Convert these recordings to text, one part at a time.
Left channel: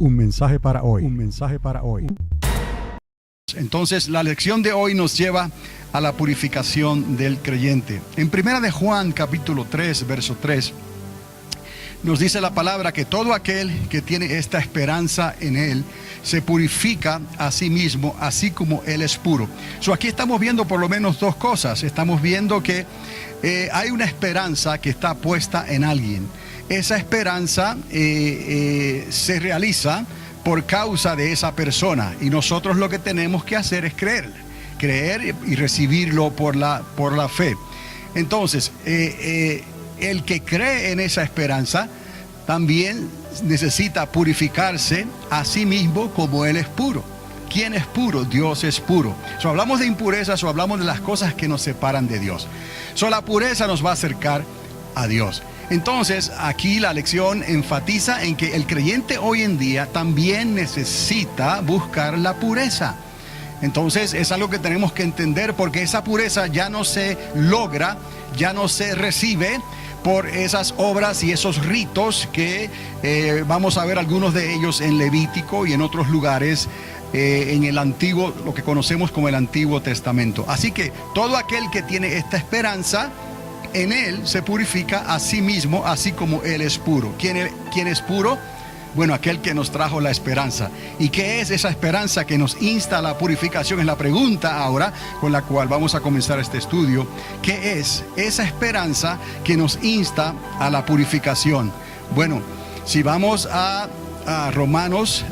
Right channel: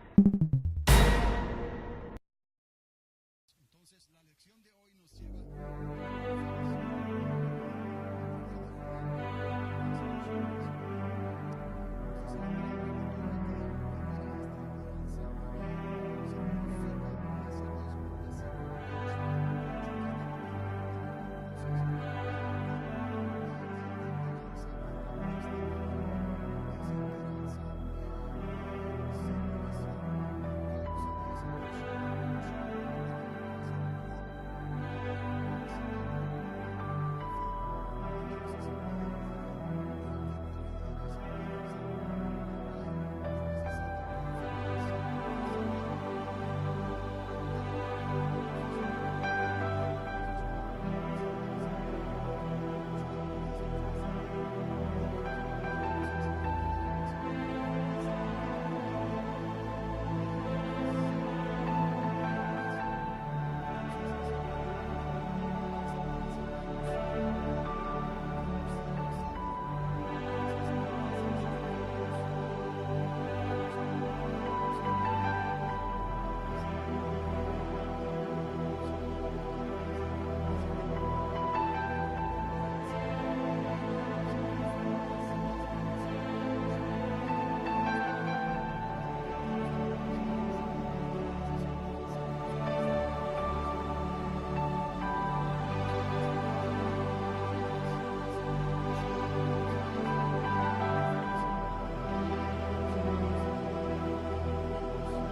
Un mensaje para hoy. Un mensaje para hoy. Entonces, la lección de hoy nos lleva a la purificación del creyente. En 1 de Juan, capítulo 3, verso 3, nos dice la palabra que todo aquel que tiene esta esperanza en Él se purifica a sí mismo, así como Él es puro. Aquí estamos viendo por lo menos dos cosas. Estamos viendo que hay una esperanza que está puesta en alguien. Esa esperanza se realiza por causa de esa persona, y nosotros lo que tenemos que hacer es creer y recibirlo por la fe. Entonces, el que cree en esa esperanza también necesita purificarse a sí mismo como Él es puro. ¿Quién es puro? Dios es puro. Hablamos de impurezas o hablamos de las cosas que nos separan de Dios. La pureza nos va a acercar a Dios. Entonces, aquí la lección enfatiza en que el creyente hoy en día también necesita buscar la pureza. Entonces, es algo que tenemos que entender, porque esa pureza ya no se logra, ya no se recibe por esas obras y esos ritos que vamos a ver algunos de ellos en Levítico y en otros lugares en el antiguo, lo que conocemos como el Antiguo Testamento. Así que todo aquel que tiene esta esperanza en Él se purifica a sí mismo, así como Él es puro. ¿Quién es puro? Bueno, aquel que nos trajo la esperanza. ¿Y qué es esa esperanza que nos insta a la purificación? Es la pregunta ahora con la cual vamos a comenzar este estudio. ¿Qué es esa esperanza que nos insta a la purificación? Bueno, si vamos a Romanos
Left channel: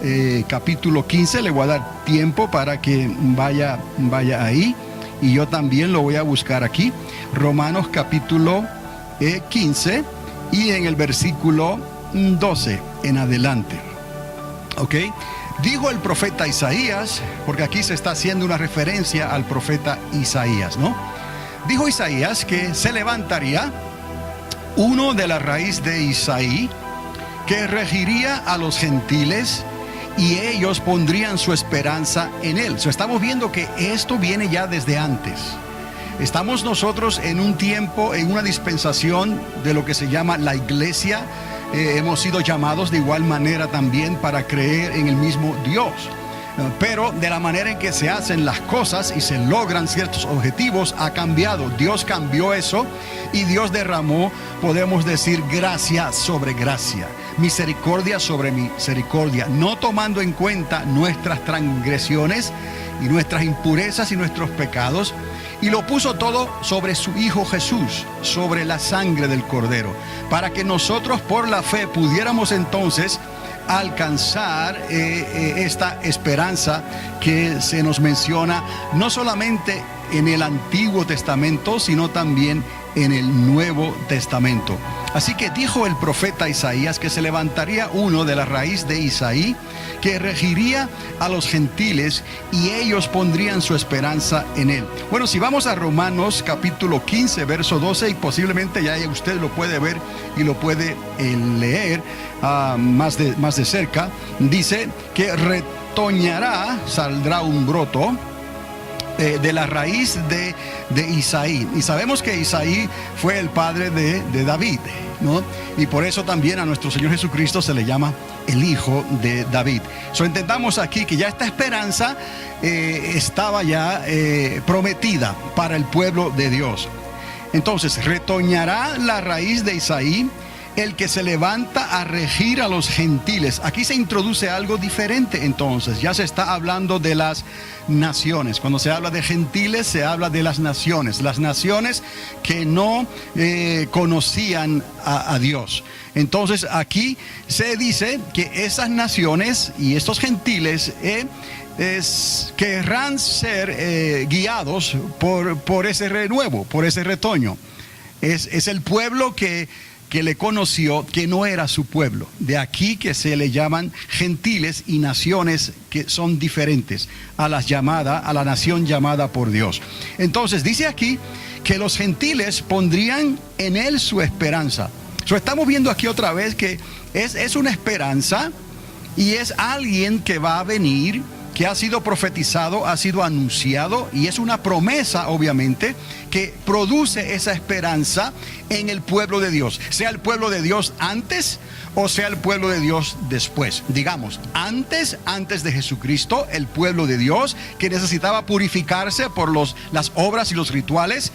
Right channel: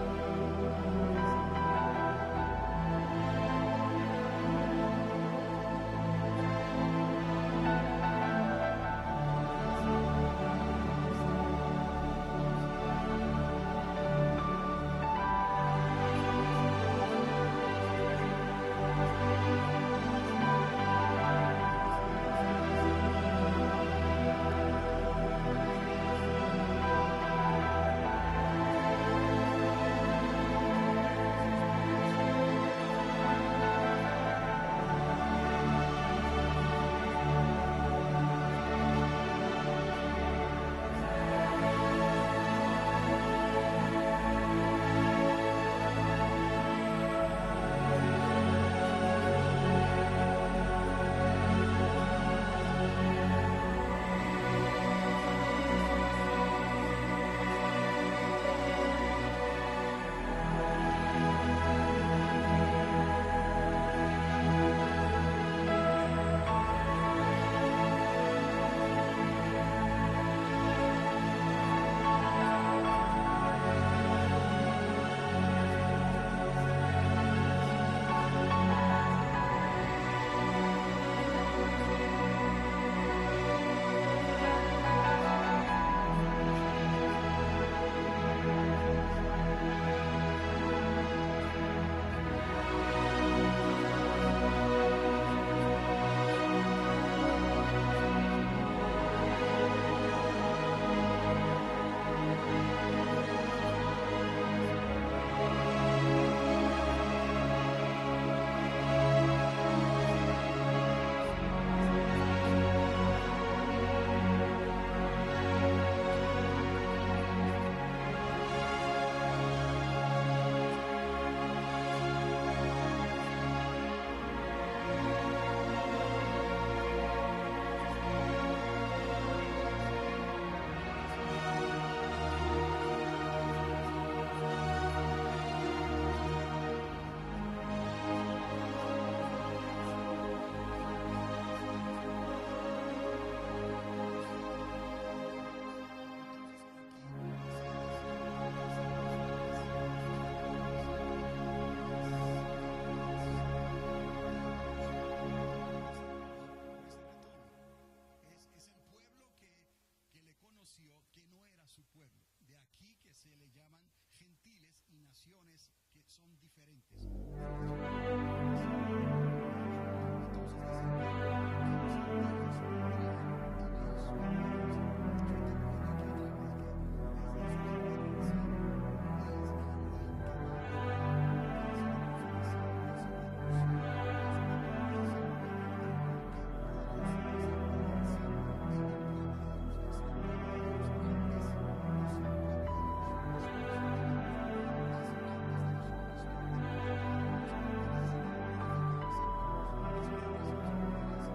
capítulo 15, le voy a dar tiempo para que vaya ahí. Y yo también lo voy a buscar aquí. Romanos capítulo 15 y en el versículo 12 en adelante. ¿Ok? Dijo el profeta Isaías, porque aquí se está haciendo una referencia al profeta Isaías, ¿no? Dijo Isaías que se levantaría uno de la raíz de Isaí, que regiría a los gentiles, y ellos pondrían su esperanza en Él. Estamos viendo que esto viene ya desde antes. Estamos nosotros en un tiempo, en una dispensación de lo que se llama la iglesia. Hemos sido llamados de igual manera también para creer en el mismo Dios. Pero de la manera en que se hacen las cosas y se logran ciertos objetivos ha cambiado. Dios cambió eso y Dios derramó, podemos decir, gracia sobre gracia, misericordia sobre misericordia, no tomando en cuenta nuestras transgresiones y nuestras impurezas y nuestros pecados, y lo puso todo sobre su Hijo Jesús, sobre la sangre del Cordero, para que nosotros por la fe pudiéramos entonces alcanzar esta esperanza que se nos menciona no solamente en el Antiguo Testamento, sino también en el Nuevo Testamento. Así que dijo el profeta Isaías que se levantaría uno de la raíz de Isaí, que regiría a los gentiles, y ellos pondrían su esperanza en Él. Bueno, si vamos a Romanos capítulo 15, verso 12, y posiblemente ya usted lo puede ver y lo puede leer más de cerca, dice que retoñará, saldrá un broto de la raíz de Isaí. Y sabemos que Isaí fue el padre de David, ¿no? Y por eso también a nuestro Señor Jesucristo se le llama el Hijo de David. Entendamos aquí que ya esta esperanza estaba ya prometida para el pueblo de Dios. Entonces, retoñará la raíz de Isaí, el que se levanta a regir a los gentiles. Aquí se introduce algo diferente. Entonces ya se está hablando de las naciones. Cuando se habla de gentiles, se habla de las naciones que no conocían a Dios. Entonces aquí se dice que esas naciones y estos gentiles querrán ser guiados por ese renuevo, por ese retoño. Es el pueblo que le conoció, que no era su pueblo. De aquí que se le llaman gentiles y naciones que son diferentes a la nación llamada por Dios. Entonces dice aquí que los gentiles pondrían en Él su esperanza. Estamos viendo aquí otra vez que es una esperanza, y es alguien que va a venir que ha sido profetizado, ha sido anunciado, y es una promesa, obviamente, que produce esa esperanza en el pueblo de Dios, sea el pueblo de Dios antes o sea el pueblo de Dios después. Digamos, antes de Jesucristo, el pueblo de Dios que necesitaba purificarse por las obras y los rituales,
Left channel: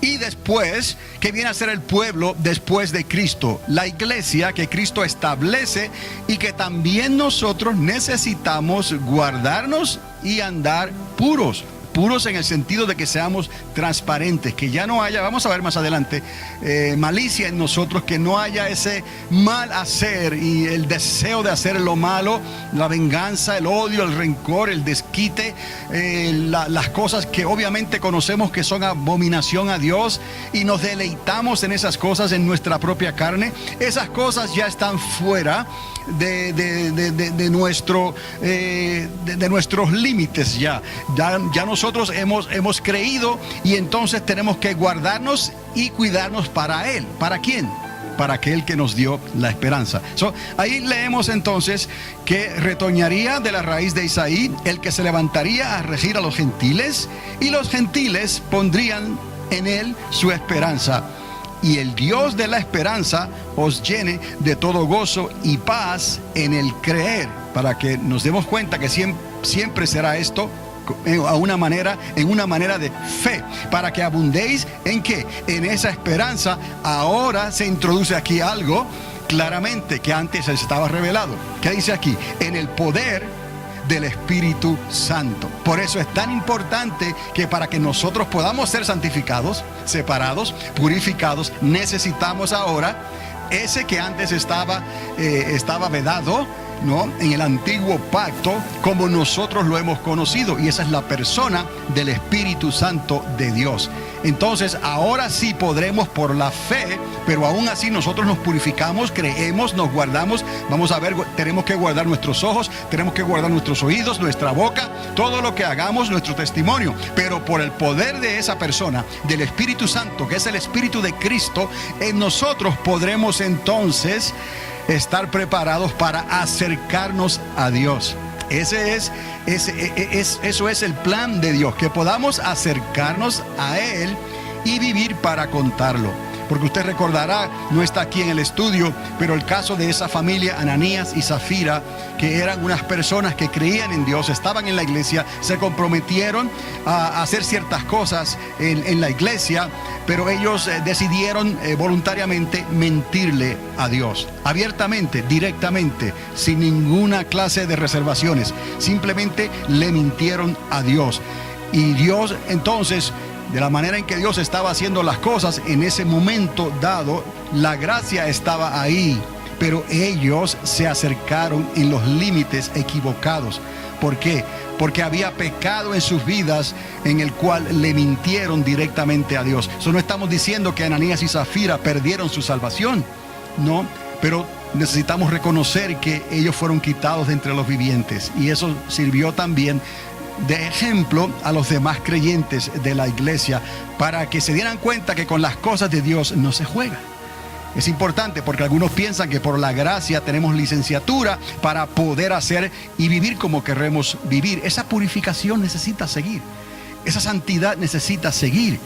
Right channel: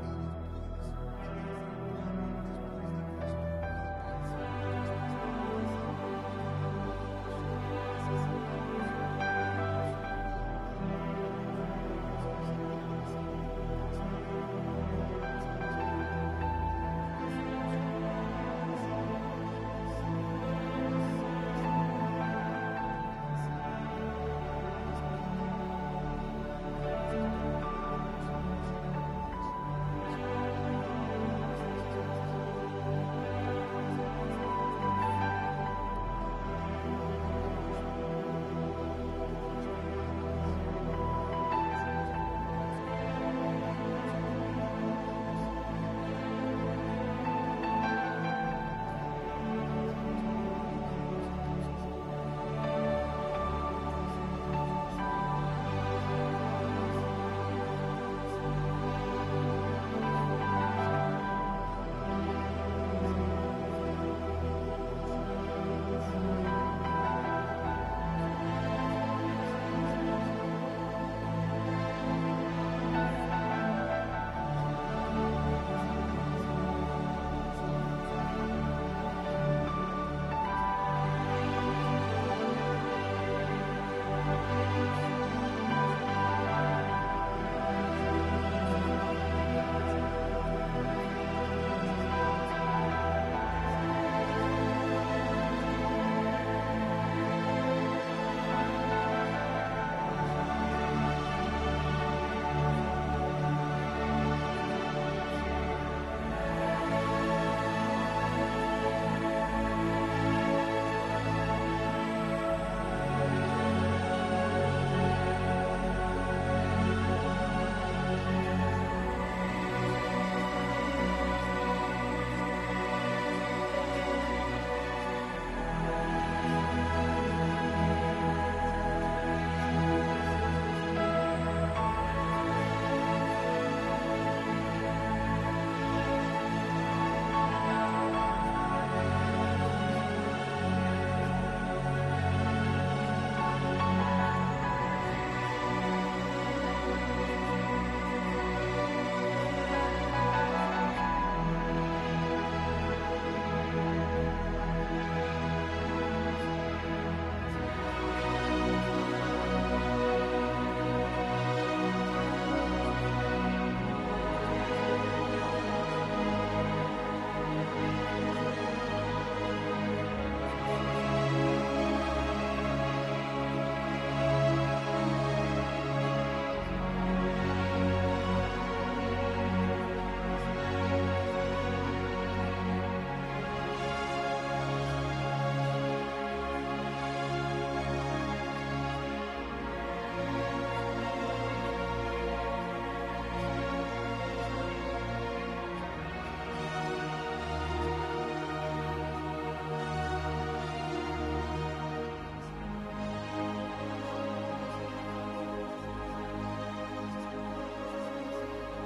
y después, que viene a ser el pueblo después de Cristo, la iglesia que Cristo establece y que también nosotros necesitamos guardarnos y andar puros. Puros en el sentido de que seamos transparentes, que ya no haya, vamos a ver más adelante, malicia en nosotros, que no haya ese mal hacer y el deseo de hacer lo malo, la venganza, el odio, el rencor, el desquite, las cosas que obviamente conocemos que son abominación a Dios y nos deleitamos en esas cosas en nuestra propia carne. Esas cosas ya están fuera de nuestros límites. Ya nosotros hemos creído, y entonces tenemos que guardarnos y cuidarnos para Él. ¿Para quién? Para aquel que nos dio la esperanza. Ahí leemos entonces que retoñaría de la raíz de Isaí el que se levantaría a regir a los gentiles, y los gentiles pondrían en él su esperanza. Y el Dios de la esperanza os llene de todo gozo y paz en el creer, para que nos demos cuenta que siempre será esto en una manera de fe, para que abundéis en ¿qué? En esa esperanza. Ahora se introduce aquí algo claramente que antes estaba revelado. ¿Qué dice aquí? En el poder del Espíritu Santo. Por eso es tan importante que para que nosotros podamos ser santificados, separados, purificados, necesitamos ahora ese que antes estaba vedado, ¿no? En el antiguo pacto, como nosotros lo hemos conocido, y esa es la persona del Espíritu Santo de Dios. Entonces ahora sí podremos por la fe, pero aún así nosotros nos purificamos, creemos, nos guardamos. Vamos a ver, tenemos que guardar nuestros ojos, tenemos que guardar nuestros oídos, nuestra boca, todo lo que hagamos, nuestro testimonio, pero por el poder de esa persona, del Espíritu Santo, que es el Espíritu de Cristo, en nosotros podremos entonces estar preparados para acercarnos a Dios. Eso es el plan de Dios, que podamos acercarnos a Él y vivir para contarlo. Porque usted recordará, no está aquí en el estudio, pero el caso de esa familia, Ananías y Zafira, que eran unas personas que creían en Dios, estaban en la iglesia, se comprometieron a hacer ciertas cosas en la iglesia, pero ellos decidieron voluntariamente mentirle a Dios, abiertamente, directamente, sin ninguna clase de reservaciones. Simplemente le mintieron a Dios. Y Dios entonces, de la manera en que Dios estaba haciendo las cosas en ese momento dado, la gracia estaba ahí, pero ellos se acercaron en los límites equivocados. ¿Por qué? Porque había pecado en sus vidas en el cual le mintieron directamente a Dios. Eso no estamos diciendo que Ananías y Zafira perdieron su salvación, no, pero necesitamos reconocer que ellos fueron quitados de entre los vivientes, y eso sirvió también de ejemplo a los demás creyentes de la iglesia, para que se dieran cuenta que con las cosas de Dios no se juega. Es importante, porque algunos piensan que por la gracia tenemos licenciatura para poder hacer y vivir como queremos vivir. Esa purificación necesita seguir, esa santidad necesita seguir.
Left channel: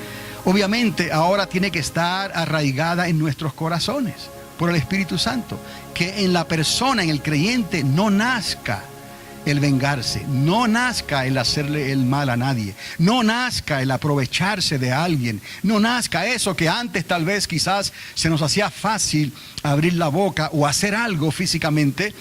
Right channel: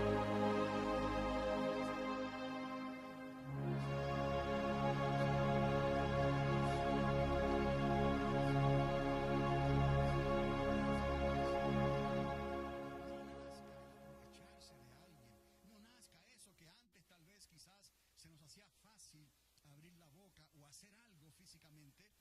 Obviamente ahora tiene que estar arraigada en nuestros corazones por el Espíritu Santo, que en la persona, en el creyente, no nazca el vengarse, no nazca el hacerle el mal a nadie, no nazca el aprovecharse de alguien, no nazca eso que antes tal vez quizás se nos hacía fácil abrir la boca o hacer algo físicamente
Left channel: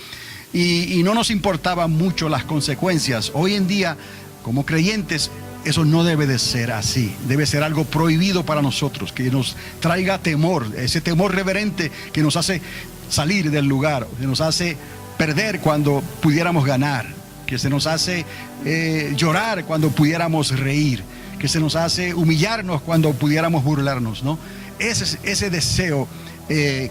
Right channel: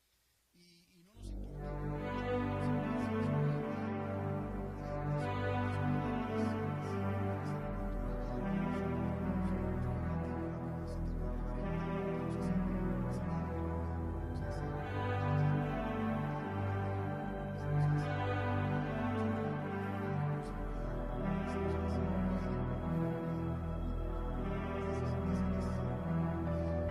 y no nos importaban mucho las consecuencias. Hoy en día, como creyentes, eso no debe de ser así. Debe ser algo prohibido para nosotros, que nos traiga temor, ese temor reverente que nos hace salir del lugar, que nos hace perder cuando pudiéramos ganar, que se nos hace llorar cuando pudiéramos reír, que se nos hace humillarnos cuando pudiéramos burlarnos, ¿no? Ese deseo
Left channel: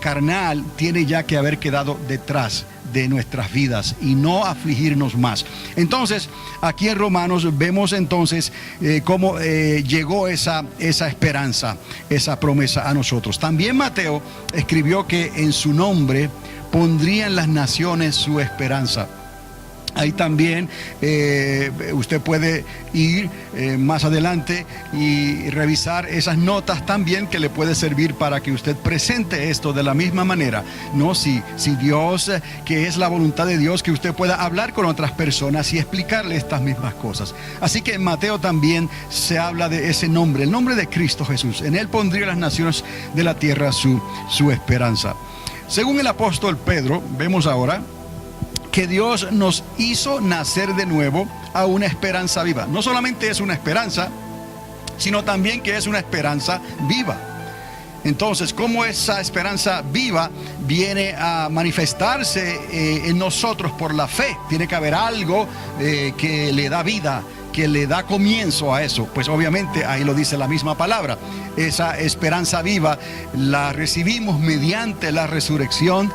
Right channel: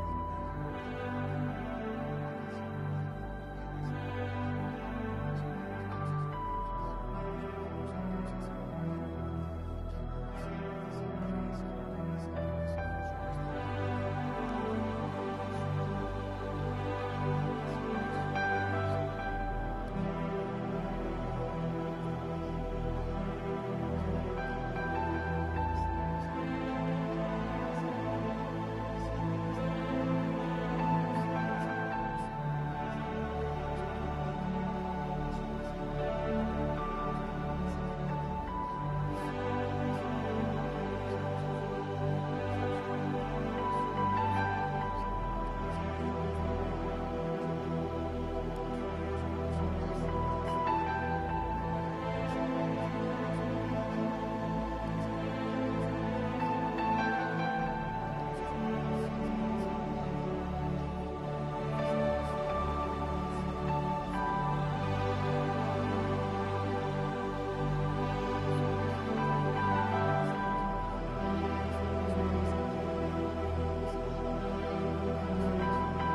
carnal tiene ya que haber quedado detrás de nuestras vidas y no afligirnos más. Entonces, aquí en Romanos vemos entonces cómo llegó esa esperanza, esa promesa a nosotros. También Mateo escribió que en su nombre pondrían las naciones su esperanza. Ahí también usted puede ir más adelante y revisar esas notas también, que le puede servir para que usted presente esto de la misma manera, ¿no? Si Dios, que es la voluntad de Dios, que usted pueda hablar con otras personas y explicarle estas mismas cosas. Así que en Mateo también se habla de ese nombre, el nombre de Cristo Jesús. En él pondría las naciones de la tierra su esperanza. Según el apóstol Pedro, vemos ahora que Dios nos hizo nacer de nuevo a una esperanza viva. No solamente es una esperanza, sino también que es una esperanza viva. Entonces, ¿cómo esa esperanza viva viene a manifestarse en nosotros por la fe? Tiene que haber algo que le da vida, que le da comienzo a eso. Pues obviamente ahí lo dice la misma palabra. Esa esperanza viva la recibimos mediante la resurrección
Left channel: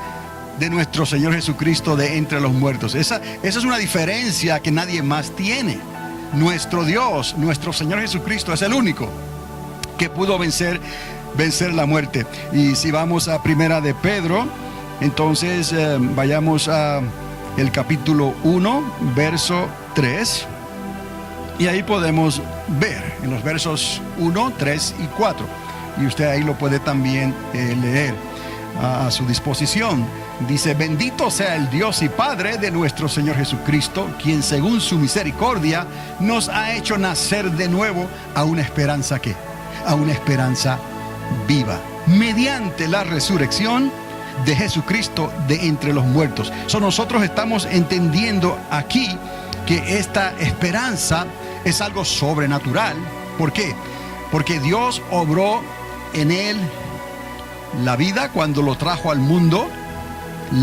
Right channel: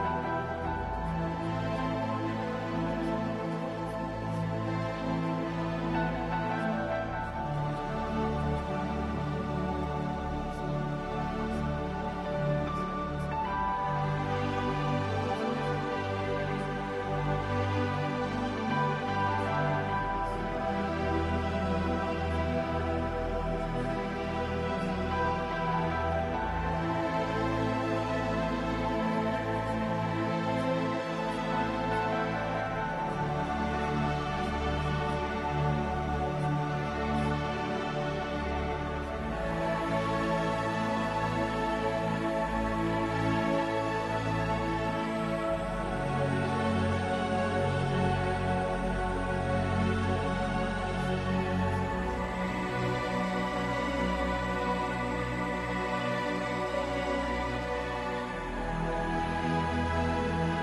de nuestro Señor Jesucristo de entre los muertos. Esa es una diferencia que nadie más tiene. Nuestro Dios, nuestro Señor Jesucristo es el único que pudo vencer la muerte. Y si vamos a Primera de Pedro, entonces vayamos a el capítulo 1, verso 3. Y ahí podemos ver en los versos 1, 3 y 4. Y usted ahí lo puede también leer a su disposición. Dice: bendito sea el Dios y Padre de nuestro Señor Jesucristo, quien según su misericordia nos ha hecho nacer de nuevo a una esperanza ¿qué? A una esperanza viva, mediante la resurrección de Jesucristo de entre los muertos. Nosotros estamos entendiendo aquí que esta esperanza es algo sobrenatural. ¿Por qué? Porque Dios obró en él la vida cuando lo trajo al mundo,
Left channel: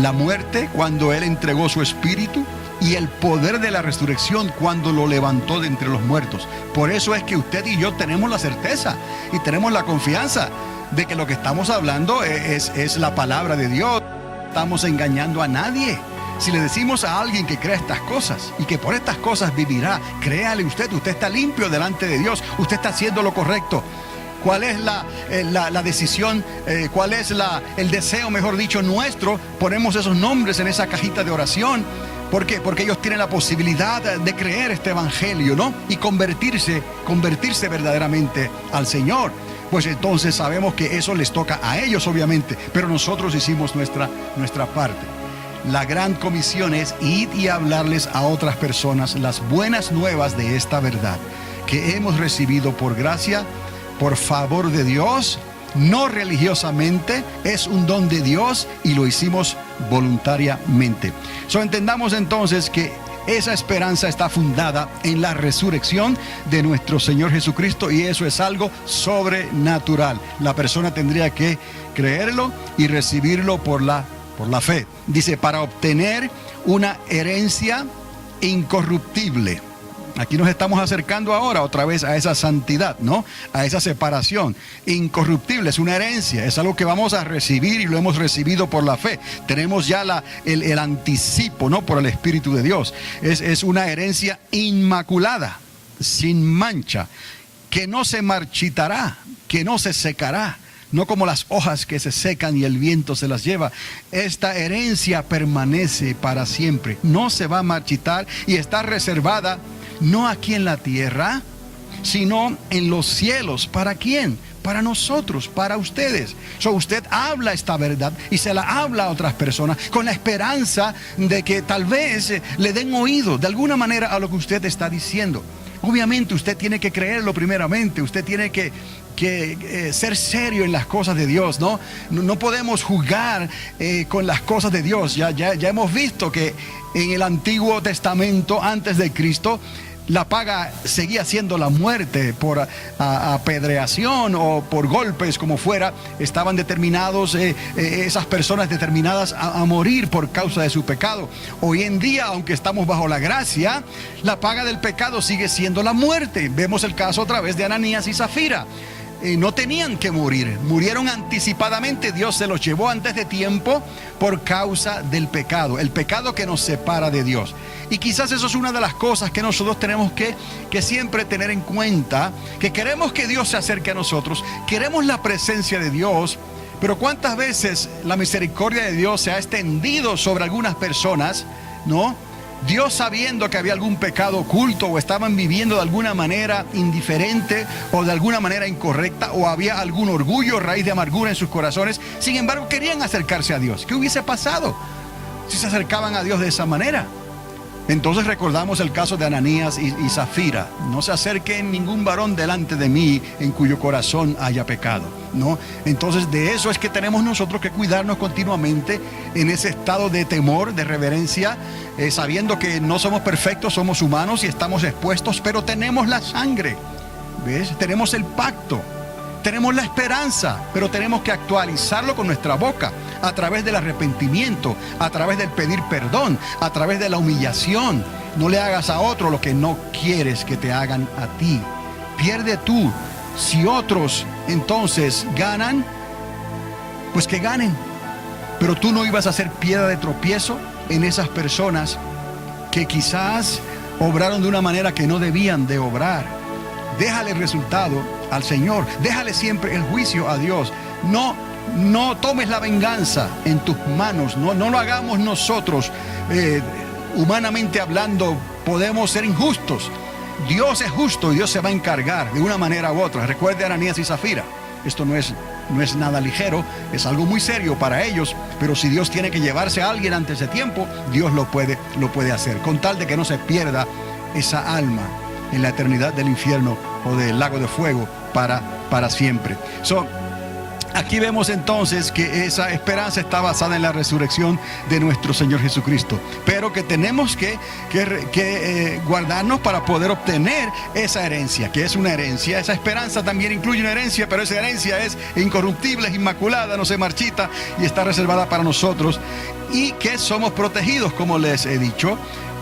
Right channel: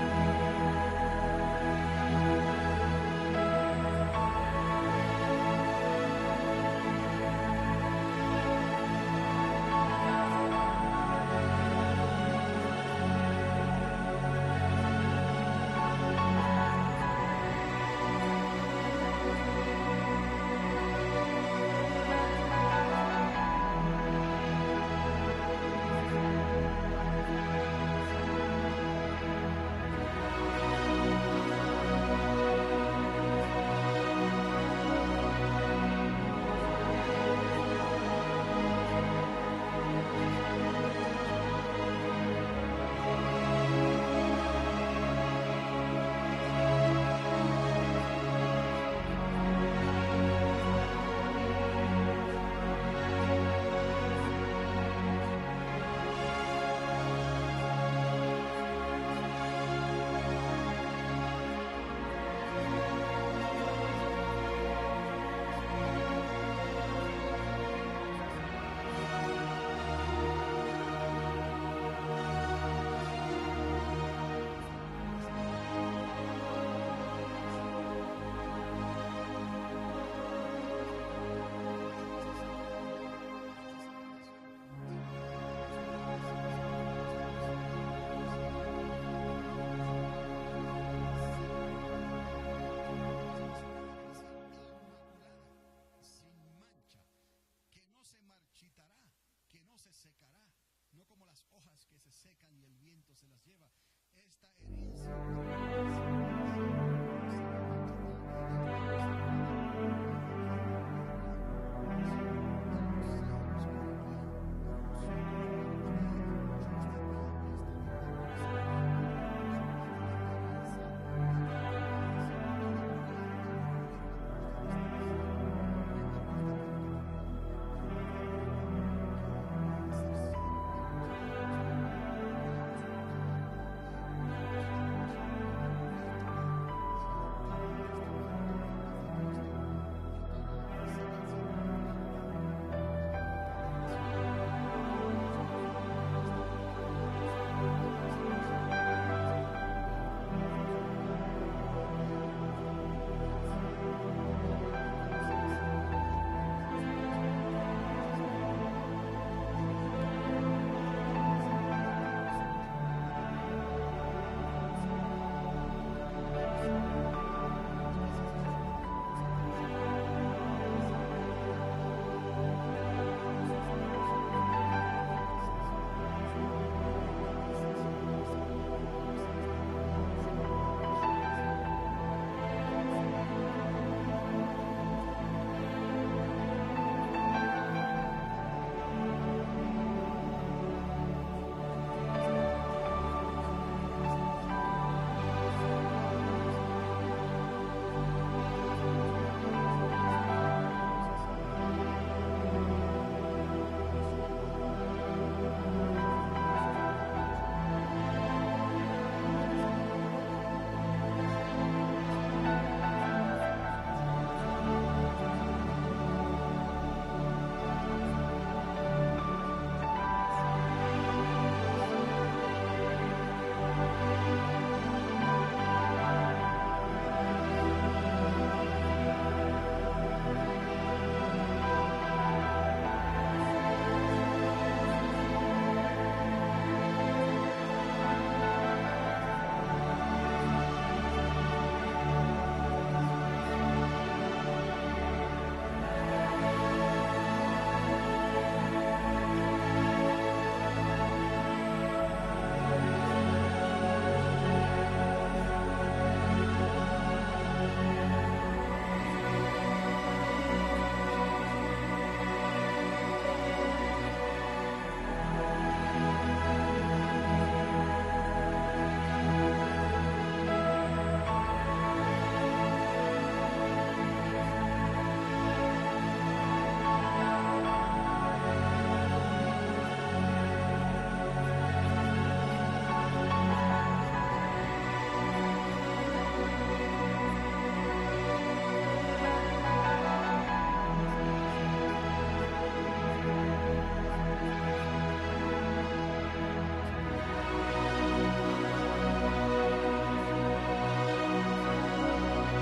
la muerte cuando él entregó su espíritu, y el poder de la resurrección cuando lo levantó de entre los muertos. Por eso es que usted y yo tenemos la certeza y tenemos la confianza de que lo que estamos hablando es la palabra de Dios. No estamos engañando a nadie. Si le decimos a alguien que crea estas cosas y que por estas cosas vivirá, créale usted está limpio delante de Dios, usted está haciendo lo correcto. ¿Cuál es la decisión? ¿Cuál es el deseo, mejor dicho, nuestro? Ponemos esos nombres en esa cajita de oración. ¿Por qué? Porque ellos tienen la posibilidad de creer este evangelio, ¿no? Y convertirse verdaderamente al Señor. Pues entonces sabemos que eso les toca a ellos, obviamente, pero nosotros hicimos nuestra parte. La gran comisión es ir y hablarles a otras personas las buenas nuevas de esta verdad que hemos recibido por gracia, por favor de Dios, no religiosamente. Es un don de Dios y lo hicimos voluntariamente. Entendamos entonces que esa esperanza está fundada en la resurrección de nuestro Señor Jesucristo, y eso es algo sobrenatural. La persona tendría que creerlo y recibirlo por la fe. Dice: para obtener una herencia incorruptible. Aquí nos estamos acercando ahora otra vez a esa santidad, ¿no? A esa separación. Incorruptible es una herencia, es algo que vamos a recibir y lo hemos recibido por la fe. Tenemos ya el anticipo, ¿no? Por el Espíritu de Dios. Es una herencia inmaculada, sin mancha, que no se marchitará, que no se secará. No como las hojas que se secan y el viento se las lleva. Esta herencia permanece para siempre, no se va a marchitar y está reservada no aquí en la tierra, sino en los cielos. ¿Para quién? Para nosotros, para ustedes. Usted habla esta verdad y se la habla a otras personas con la esperanza de que tal vez le den oído de alguna manera a lo que usted está diciendo. Obviamente usted tiene que creerlo primeramente, usted tiene que ser serio en las cosas de Dios, ¿no? No podemos jugar con las cosas de Dios. Ya hemos visto que en el Antiguo Testamento, antes de Cristo, la paga seguía siendo la muerte por apedreación o por golpes, como fuera. Estaban determinados, esas personas determinadas a morir por causa de su pecado. Hoy en día, aunque estamos bajo la gracia, la paga del pecado sigue siendo la muerte. Vemos el caso otra vez de Ananías y Zafira. No tenían que morir, murieron anticipadamente. Dios se los llevó antes de tiempo por causa del pecado, el pecado que nos separa de Dios. Y quizás eso es una de las cosas que nosotros tenemos que siempre tener en cuenta, que queremos que Dios se acerque a nosotros, queremos la presencia de Dios, pero cuántas veces la misericordia de Dios se ha extendido sobre algunas personas, ¿no? Dios, sabiendo que había algún pecado oculto o estaban viviendo de alguna manera indiferente o de alguna manera incorrecta, o había algún orgullo, raíz de amargura en sus corazones, sin embargo querían acercarse a Dios. ¿Qué hubiese pasado si se acercaban a Dios de esa manera? Entonces recordamos el caso de Ananías y Zafira. No se acerque ningún varón delante de mí en cuyo corazón haya pecado, ¿no? Entonces de eso es que tenemos nosotros que cuidarnos continuamente en ese estado de temor, de reverencia, sabiendo que no somos perfectos, somos humanos y estamos expuestos, pero tenemos la sangre, ¿ves? Tenemos el pacto, tenemos la esperanza, pero tenemos que actualizarlo con nuestra boca, a través del arrepentimiento, a través del pedir perdón, a través de la humillación. No le hagas a otro lo que no quieres que te hagan a ti. Pierde tú. Si otros entonces ganan, pues que ganen. Pero tú no ibas a ser piedra de tropiezo en esas personas que quizás obraron de una manera que no debían de obrar. Déjale el resultado al Señor, déjale siempre el juicio a Dios. No tomes la venganza en tus manos, no lo hagamos nosotros. Humanamente hablando, podemos ser injustos. Dios es justo y Dios se va a encargar de una manera u otra. Recuerde a Ananías y Zafira. Esto no es nada ligero, es algo muy serio para ellos, pero si Dios tiene que llevarse a alguien antes de tiempo, Dios lo puede hacer, con tal de que no se pierda esa alma en la eternidad del infierno o del lago de fuego para siempre. Aquí vemos entonces que esa esperanza está basada en la resurrección de nuestro Señor Jesucristo, pero que tenemos que guardarnos para poder obtener esa herencia, que es una herencia. Esa esperanza también incluye una herencia, pero esa herencia es incorruptible, es inmaculada, no se marchita y está reservada para nosotros, y que somos protegidos, como les he dicho,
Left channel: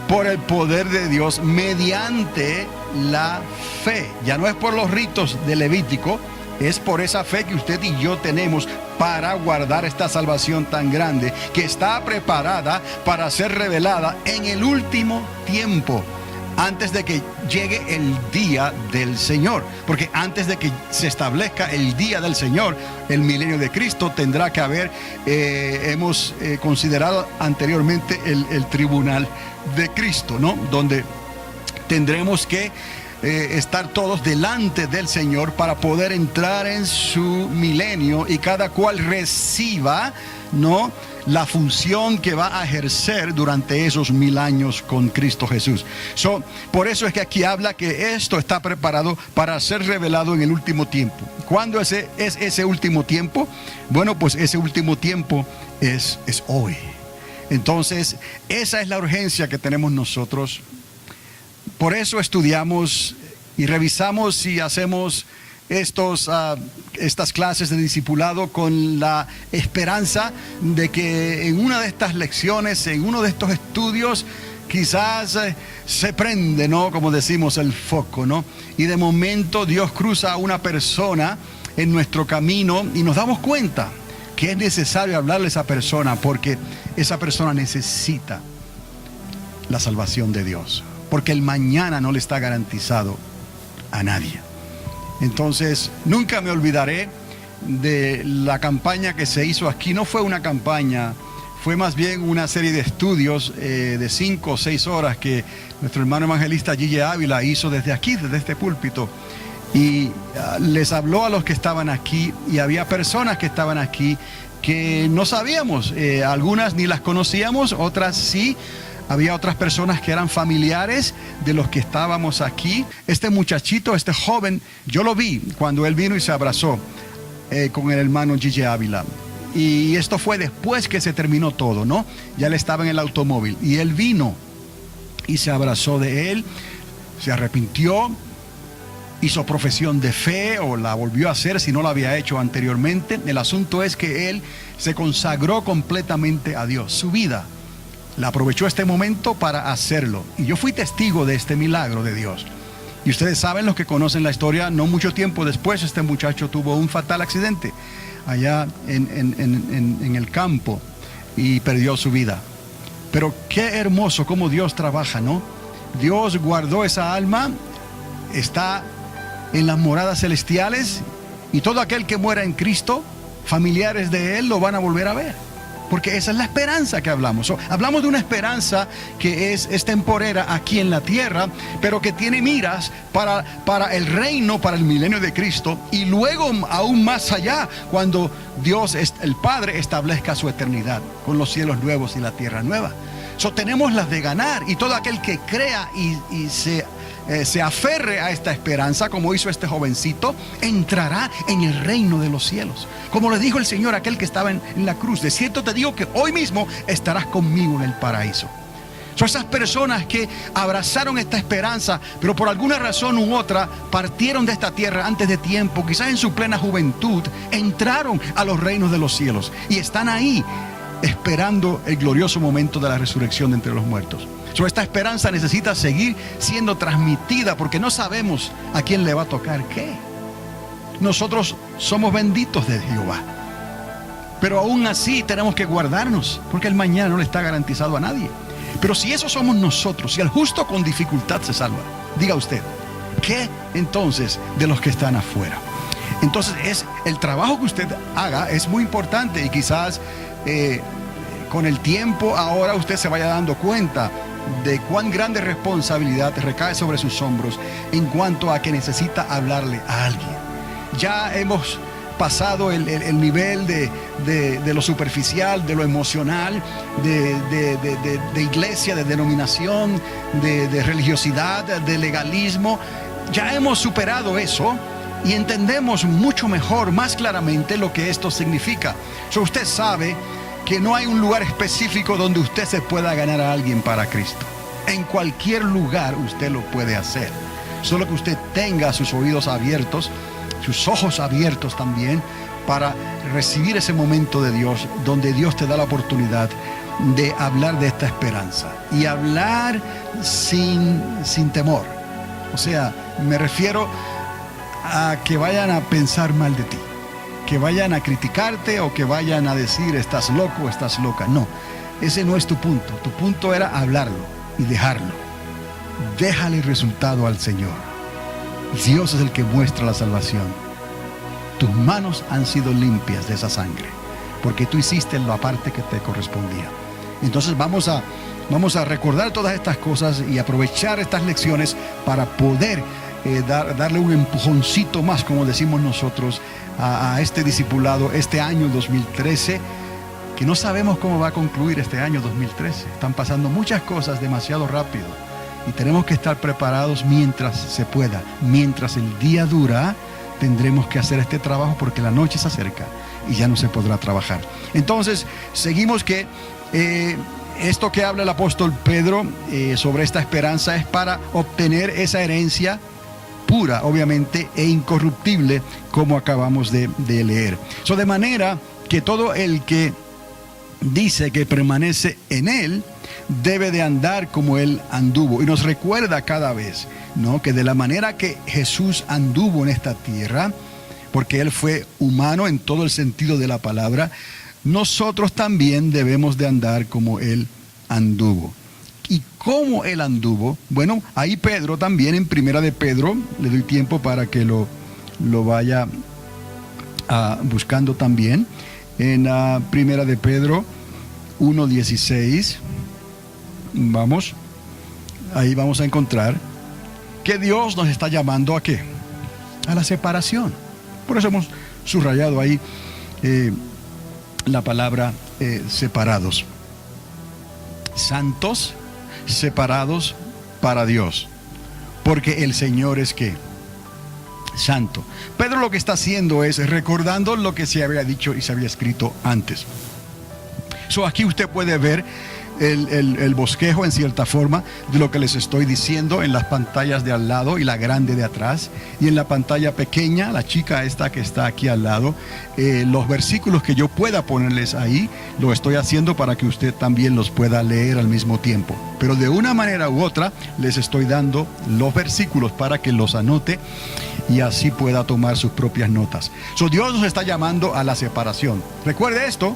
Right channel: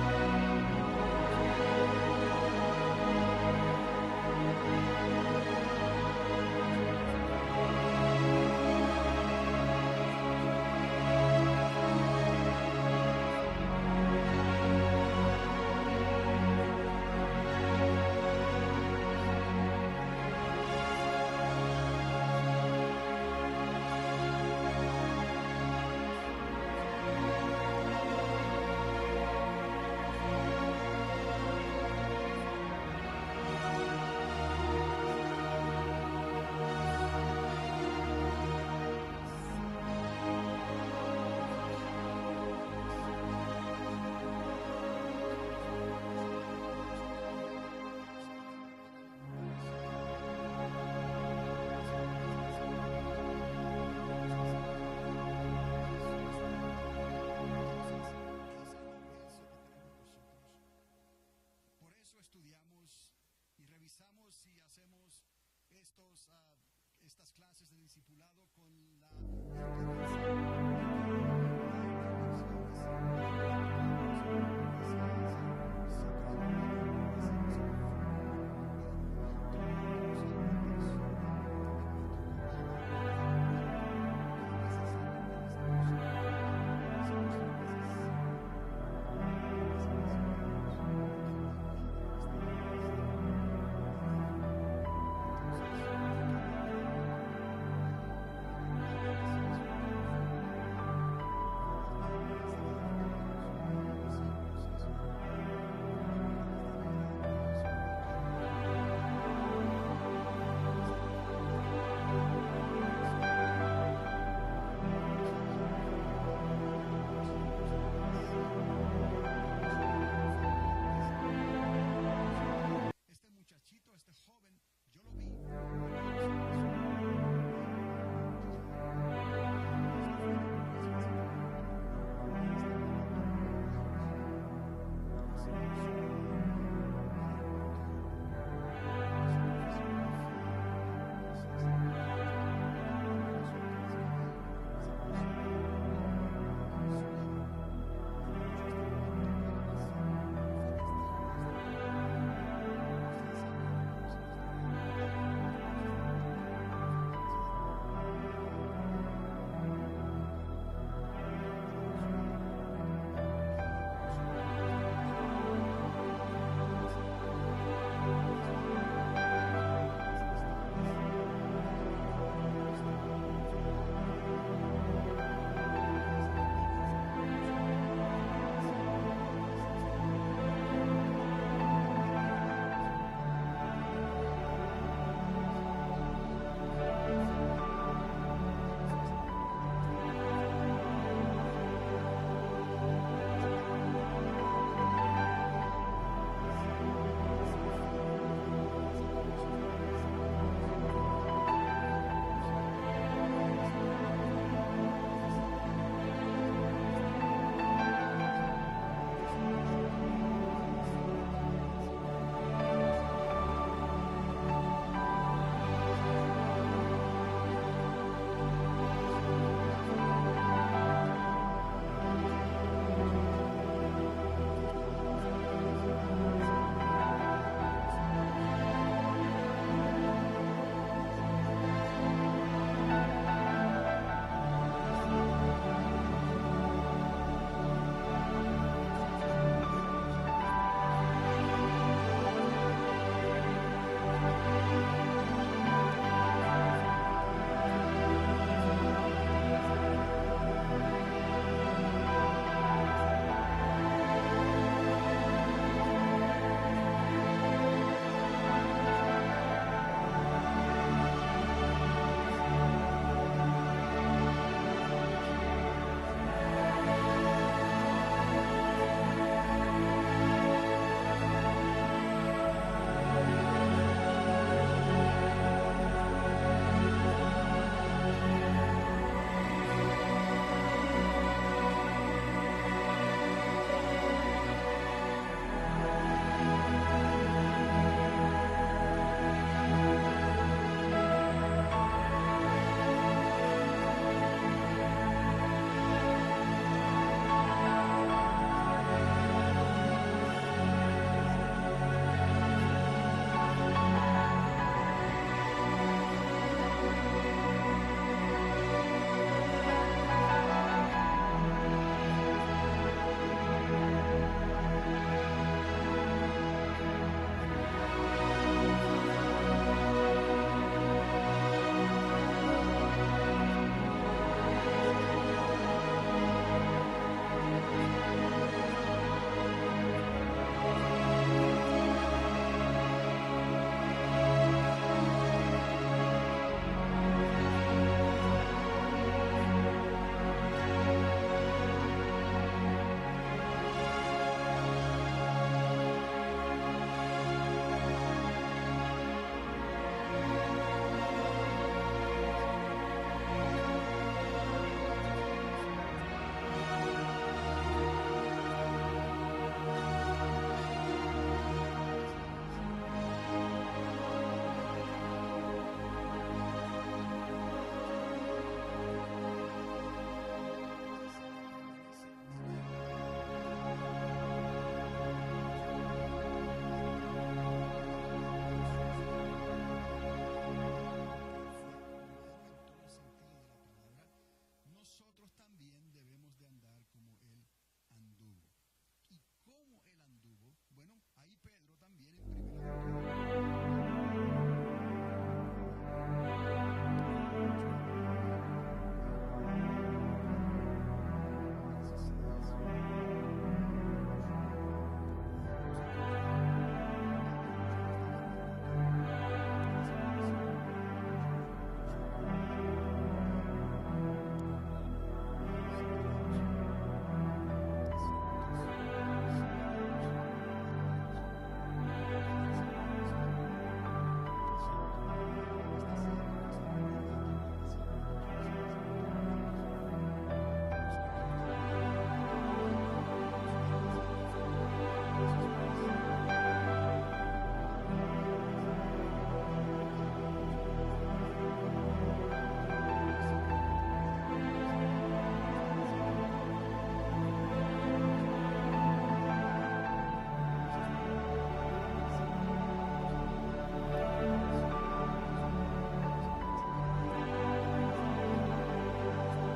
por el poder de Dios mediante la fe. Ya no es por los ritos de Levítico, es por esa fe que usted y yo tenemos para guardar esta salvación tan grande, que está preparada para ser revelada en el último tiempo, antes de que llegue el día del Señor. Porque antes de que se establezca el día del Señor, el milenio de Cristo, tendrá que haber, hemos considerado anteriormente el tribunal de Cristo, ¿no? Donde tendremos que estar todos delante del Señor para poder entrar en su milenio, y cada cual reciba, ¿no?, la función que va a ejercer durante esos 1000 años con Cristo Jesús. Por eso es que aquí habla que esto está preparado para ser revelado en el último tiempo. ¿Cuándo es ese último tiempo? Bueno, pues ese último tiempo es hoy. Entonces, esa es la urgencia que tenemos nosotros. Por eso estudiamos y revisamos y hacemos estas clases de discipulado con la esperanza de que en una de estas lecciones, en uno de estos estudios, quizás se prende, ¿no?, como decimos, el foco, ¿no? Y de momento Dios cruza a una persona en nuestro camino y nos damos cuenta que es necesario hablarle a esa persona, porque esa persona necesita la salvación de Dios, porque el mañana no le está garantizado a nadie. Entonces, nunca me olvidaré de la campaña que se hizo aquí. No fue una campaña, fue más bien una serie de estudios de 5 o 6 horas que nuestro hermano evangelista Gille Ávila hizo desde aquí, desde este púlpito. Y les habló a los que estaban aquí, y había personas que estaban aquí que no sabíamos, algunas ni las conocíamos, otras sí. Había otras personas que eran familiares de los que estábamos aquí. Este muchachito, este joven, yo lo vi cuando él vino y se abrazó con el hermano Gille Ávila. Y esto fue después que se terminó todo, ¿no? Ya él estaba en el automóvil y él vino y se abrazó de él, se arrepintió, hizo profesión de fe, o la volvió a hacer si no la había hecho anteriormente. El asunto es que él se consagró completamente a Dios. Su vida la aprovechó este momento para hacerlo. Y yo fui testigo de este milagro de Dios. Y ustedes saben, los que conocen la historia, no mucho tiempo después este muchacho tuvo un fatal accidente allá en el campo y perdió su vida. Pero qué hermoso cómo Dios trabaja, ¿no? Dios guardó esa alma, está en las moradas celestiales, y todo aquel que muera en Cristo, familiares de él lo van a volver a ver. Porque esa es la esperanza que hablamos. Hablamos de una esperanza que es temporera aquí en la tierra, pero que tiene miras para el reino, para el milenio de Cristo, y luego aún más allá, cuando Dios, el Padre, establezca su eternidad con los cielos nuevos y la tierra nueva. Tenemos las de ganar, y todo aquel que crea y se aferre a esta esperanza, como hizo este jovencito, entrará en el reino de los cielos. Como le dijo el Señor a aquel que estaba en la cruz: de cierto te digo que hoy mismo estarás conmigo en el paraíso. Son esas personas que abrazaron esta esperanza, pero por alguna razón u otra partieron de esta tierra antes de tiempo, quizás en su plena juventud, entraron a los reinos de los cielos y están ahí esperando el glorioso momento de la resurrección de entre los muertos. Esta esperanza necesita seguir siendo transmitida, porque no sabemos a quién le va a tocar qué. Nosotros somos benditos de Jehová, pero aún así tenemos que guardarnos, porque el mañana no le está garantizado a nadie. Pero si eso somos nosotros, si el justo con dificultad se salva, diga usted, ¿qué entonces de los que están afuera? Entonces el trabajo que usted haga es muy importante, y quizás con el tiempo ahora usted se vaya dando cuenta de cuán grande responsabilidad recae sobre sus hombros en cuanto a que necesita hablarle a alguien. Ya hemos pasado el nivel de lo superficial, de lo emocional, de iglesia, de denominación, de religiosidad, de legalismo. Ya hemos superado eso y entendemos mucho mejor, más claramente, lo que esto significa. Usted sabe que no hay un lugar específico donde usted se pueda ganar a alguien para Cristo. En cualquier lugar usted lo puede hacer, solo que usted tenga sus oídos abiertos, sus ojos abiertos también, para recibir ese momento de Dios, donde Dios te da la oportunidad de hablar de esta esperanza y hablar sin temor. O sea, me refiero a que vayan a pensar mal de ti, que vayan a criticarte o que vayan a decir estás loco o estás loca. No, ese no es tu punto. Tu punto era hablarlo y dejarlo. Déjale el resultado al Señor. Dios es el que muestra la salvación. Tus manos han sido limpias de esa sangre, porque tú hiciste la parte que te correspondía. Entonces vamos a recordar todas estas cosas y aprovechar estas lecciones para poder darle un empujoncito más, como decimos nosotros, a este discipulado, este año 2013, que no sabemos cómo va a concluir este año 2013. Están pasando muchas cosas demasiado rápido y tenemos que estar preparados mientras se pueda. Mientras el día dura, tendremos que hacer este trabajo, porque la noche se acerca y ya no se podrá trabajar. Entonces, seguimos que esto que habla el apóstol Pedro sobre esta esperanza es para obtener esa herencia pura, obviamente, e incorruptible, como acabamos de leer. De manera que todo el que dice que permanece en él debe de andar como él anduvo. Y nos recuerda cada vez, ¿no?, que de la manera que Jesús anduvo en esta tierra, porque él fue humano en todo el sentido de la palabra, nosotros también debemos de andar como él anduvo. ¿Y cómo él anduvo? Bueno, ahí Pedro también, en Primera de Pedro, le doy tiempo para que lo vaya buscando también. En Primera de Pedro 1:16, vamos, ahí vamos a encontrar que Dios nos está llamando ¿a qué? A la separación. Por eso hemos subrayado ahí la palabra separados. Santos, separados para Dios, porque el Señor es ¿qué? Santo. Pedro lo que está haciendo es recordando lo que se había dicho y se había escrito antes. Aquí usted puede ver el bosquejo, en cierta forma, de lo que les estoy diciendo en las pantallas de al lado y la grande de atrás, y en la pantalla pequeña, la chica esta que está aquí al lado, los versículos que yo pueda ponerles ahí, lo estoy haciendo para que usted también los pueda leer al mismo tiempo. Pero de una manera u otra les estoy dando los versículos para que los anote y así pueda tomar sus propias notas. Dios nos está llamando a la separación. Recuerde esto,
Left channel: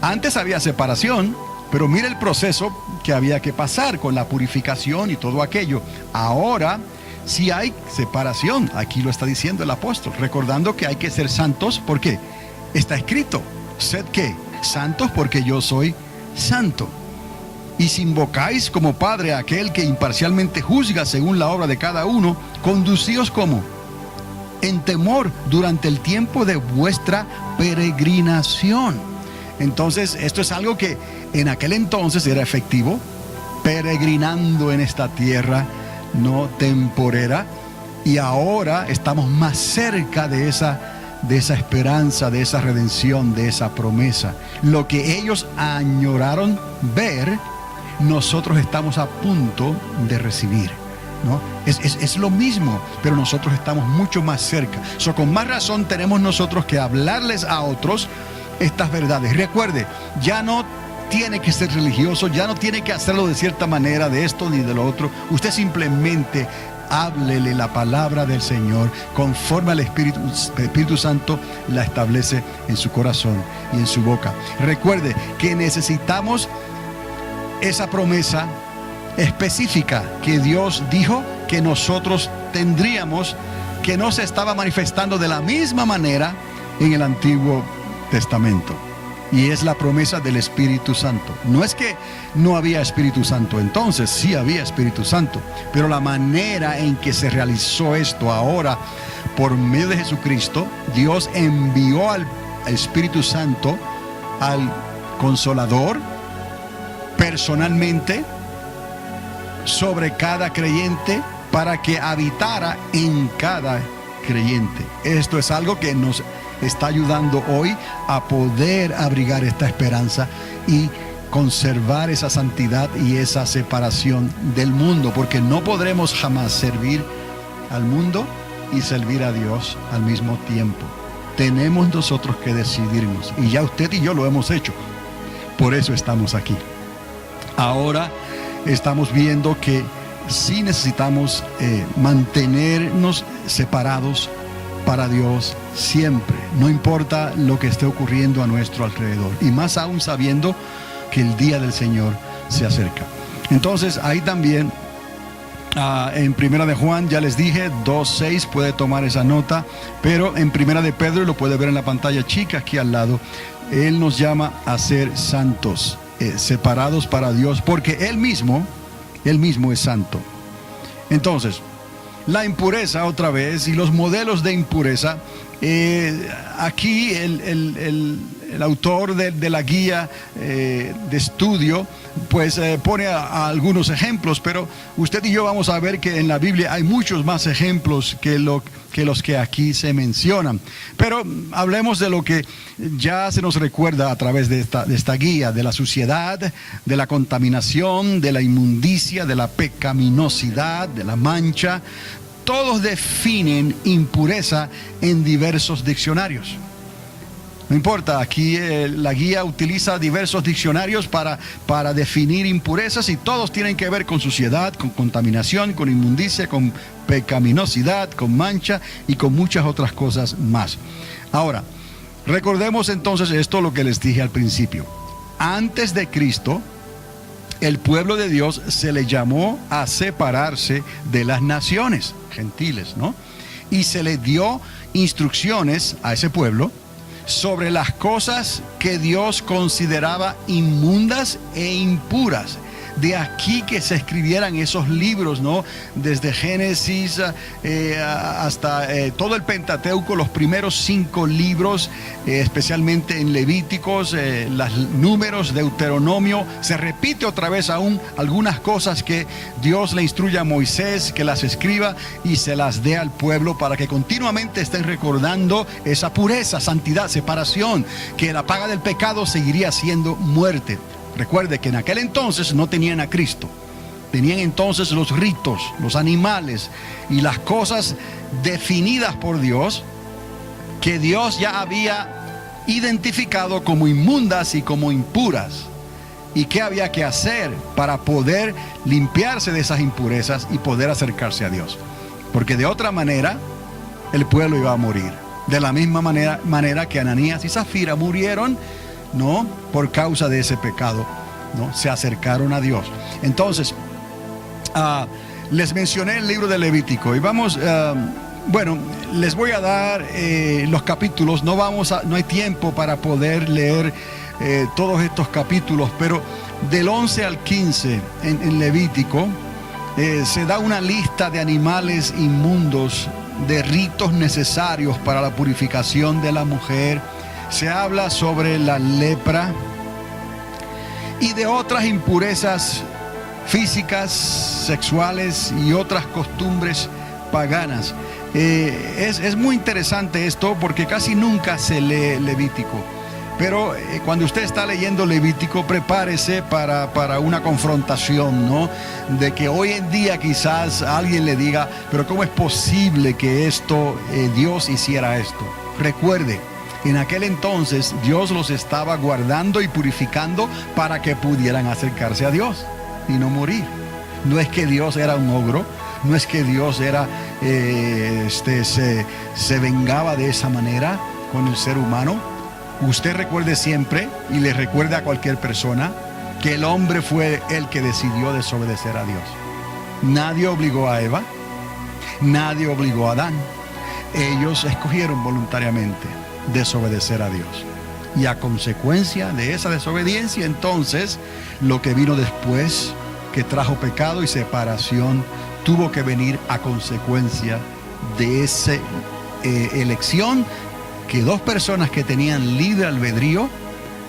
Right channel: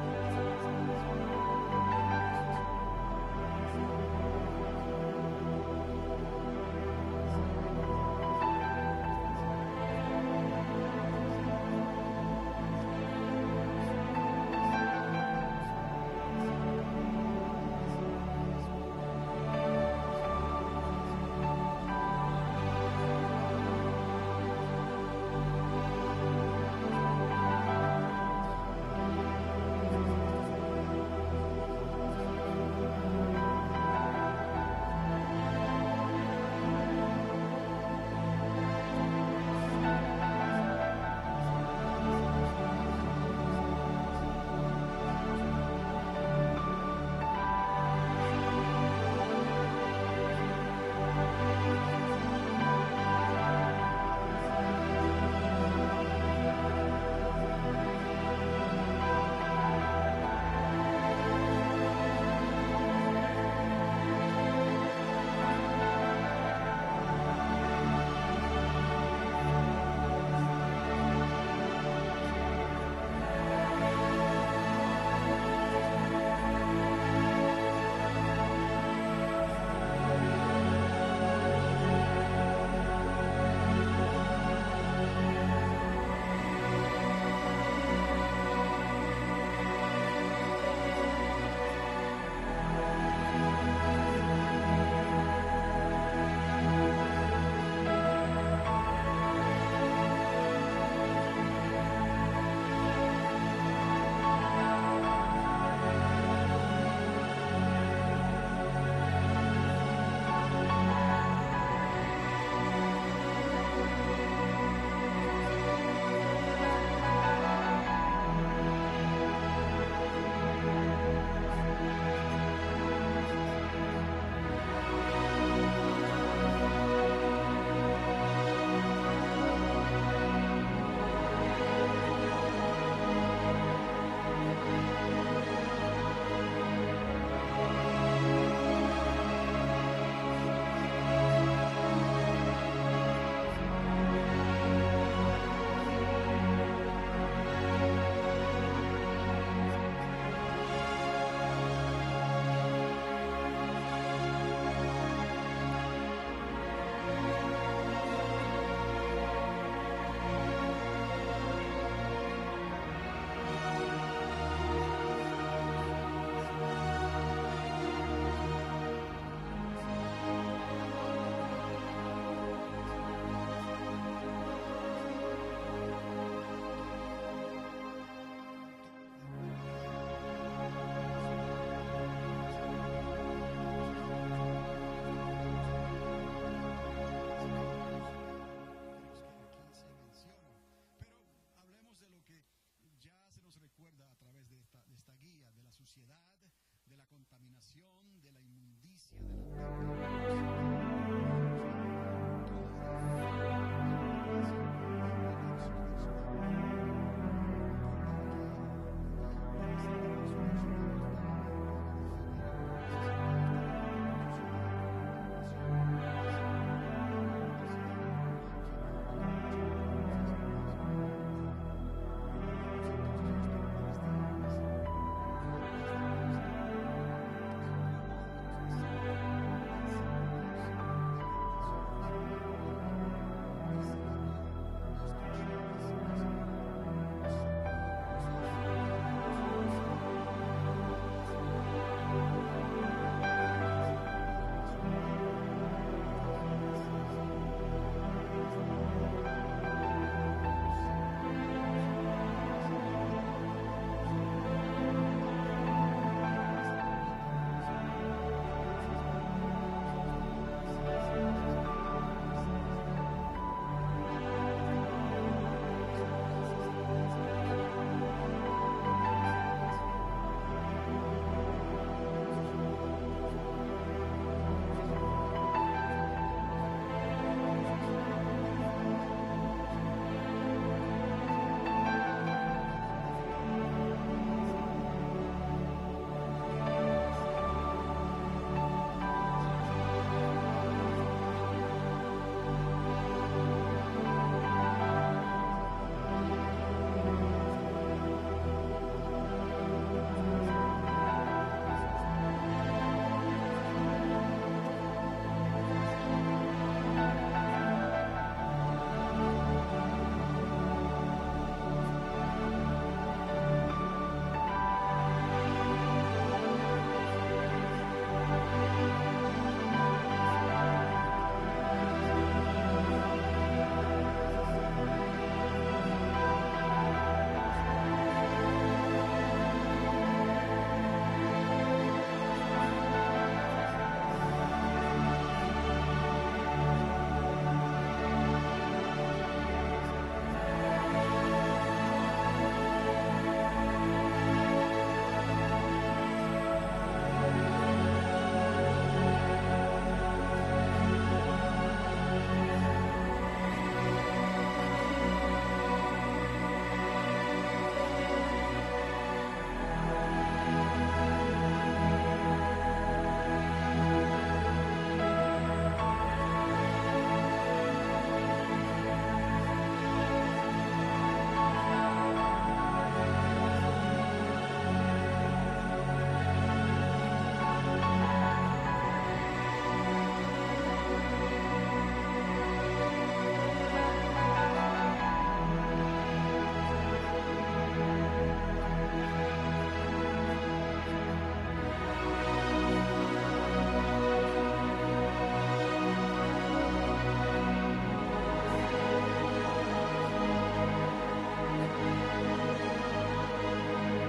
antes había separación, pero mire el proceso que había que pasar con la purificación y todo aquello. Ahora sí hay separación. Aquí lo está diciendo el apóstol, recordando que hay que ser santos. ¿Por qué? Está escrito, sed ¿qué? santos porque yo soy santo. Y si invocáis como Padre a aquel que imparcialmente juzga según la obra de cada uno, conducíos como en temor durante el tiempo de vuestra peregrinación. Entonces, esto es algo que en aquel entonces era efectivo, peregrinando en esta tierra no temporera, y ahora estamos más cerca de esa esperanza, de esa redención, de esa promesa. Lo que ellos añoraron ver, nosotros estamos a punto de recibir, ¿no? Es lo mismo, pero nosotros estamos mucho más cerca. Con más razón tenemos nosotros que hablarles a otros estas verdades. Recuerde, ya no tiene que ser religioso, ya no tiene que hacerlo de cierta manera, de esto ni de lo otro. Usted simplemente háblele la palabra del Señor conforme al Espíritu Santo la establece en su corazón y en su boca. Recuerde que necesitamos esa promesa específica que Dios dijo que nosotros tendríamos, que no se estaba manifestando de la misma manera en el Antiguo Testamento. Y es la promesa del Espíritu Santo. No es que no había Espíritu Santo entonces, sí había Espíritu Santo, pero la manera en que se realizó esto ahora por medio de Jesucristo, Dios envió al Espíritu Santo, al Consolador, personalmente sobre cada creyente para que habitara en cada creyente. Esto es algo que nos está ayudando hoy a poder abrigar esta esperanza y conservar esa santidad y esa separación del mundo, porque no podremos jamás servir al mundo y servir a Dios al mismo tiempo. Tenemos nosotros que decidirnos, y ya usted y yo lo hemos hecho. Por eso estamos aquí. Ahora estamos viendo que sí necesitamos mantenernos separados para Dios siempre, no importa lo que esté ocurriendo a nuestro alrededor, y más aún sabiendo que el día del Señor se acerca. Entonces ahí también en Primera de Juan, ya les dije, 2:6, puede tomar esa nota, pero en Primera de Pedro, lo puede ver en la pantalla chica aquí al lado, Él nos llama a ser santos, separados para Dios, porque Él mismo es santo. Entonces, la impureza otra vez y los modelos de impureza, aquí el autor de la guía de estudio pues pone a algunos ejemplos, pero usted y yo vamos a ver que en la Biblia hay muchos más ejemplos que los que aquí se mencionan. Pero hablemos de lo que ya se nos recuerda a través de esta guía, de la suciedad, de la contaminación, de la inmundicia, de la pecaminosidad, de la mancha. Todos definen impureza en diversos diccionarios. No importa, aquí la guía utiliza diversos diccionarios para definir impurezas, y todos tienen que ver con suciedad, con contaminación, con inmundicia, con pecaminosidad, con mancha y con muchas otras cosas más. Ahora, recordemos entonces esto, lo que les dije al principio. Antes de Cristo, el pueblo de Dios se le llamó a separarse de las naciones gentiles, ¿no? Y se le dio instrucciones a ese pueblo sobre las cosas que Dios consideraba inmundas e impuras. De aquí que se escribieran esos libros, ¿no? Desde Génesis hasta todo el Pentateuco, los primeros 5 libros, especialmente en Levíticos, los Números, Deuteronomio. Se repite otra vez aún algunas cosas que Dios le instruye a Moisés que las escriba y se las dé al pueblo para que continuamente estén recordando esa pureza, santidad, separación, que la paga del pecado seguiría siendo muerte. Recuerde que en aquel entonces no tenían a Cristo. Tenían entonces los ritos, los animales y las cosas definidas por Dios, que Dios ya había identificado como inmundas y como impuras. ¿Y qué había que hacer para poder limpiarse de esas impurezas y poder acercarse a Dios? Porque de otra manera el pueblo iba a morir. De la misma manera que Ananías y Zafira murieron, ¿no? Por causa de ese pecado, ¿no? Se acercaron a Dios. Entonces, les mencioné el libro de Levítico y vamos, bueno, les voy a dar los capítulos. No hay tiempo para poder leer todos estos capítulos, pero del 11 al 15 en Levítico se da una lista de animales inmundos, de ritos necesarios para la purificación de la mujer. Se habla sobre la lepra y de otras impurezas físicas, sexuales y otras costumbres paganas. Es muy interesante esto porque casi nunca se lee Levítico. Pero cuando usted está leyendo Levítico, prepárese para una confrontación, ¿no? De que hoy en día quizás alguien le diga, pero ¿cómo es posible que Dios hiciera esto? Recuerde, en aquel entonces Dios los estaba guardando y purificando para que pudieran acercarse a Dios y no morir. No es que Dios era un ogro, no es que Dios se vengaba de esa manera con el ser humano. Usted recuerde siempre, y le recuerde a cualquier persona, que el hombre fue el que decidió desobedecer a Dios. Nadie obligó a Eva, nadie obligó a Adán. Ellos escogieron voluntariamente desobedecer a Dios. Y a consecuencia de esa desobediencia, entonces, lo que vino después, que trajo pecado y separación, tuvo que venir a consecuencia de esa elección que dos personas que tenían libre albedrío,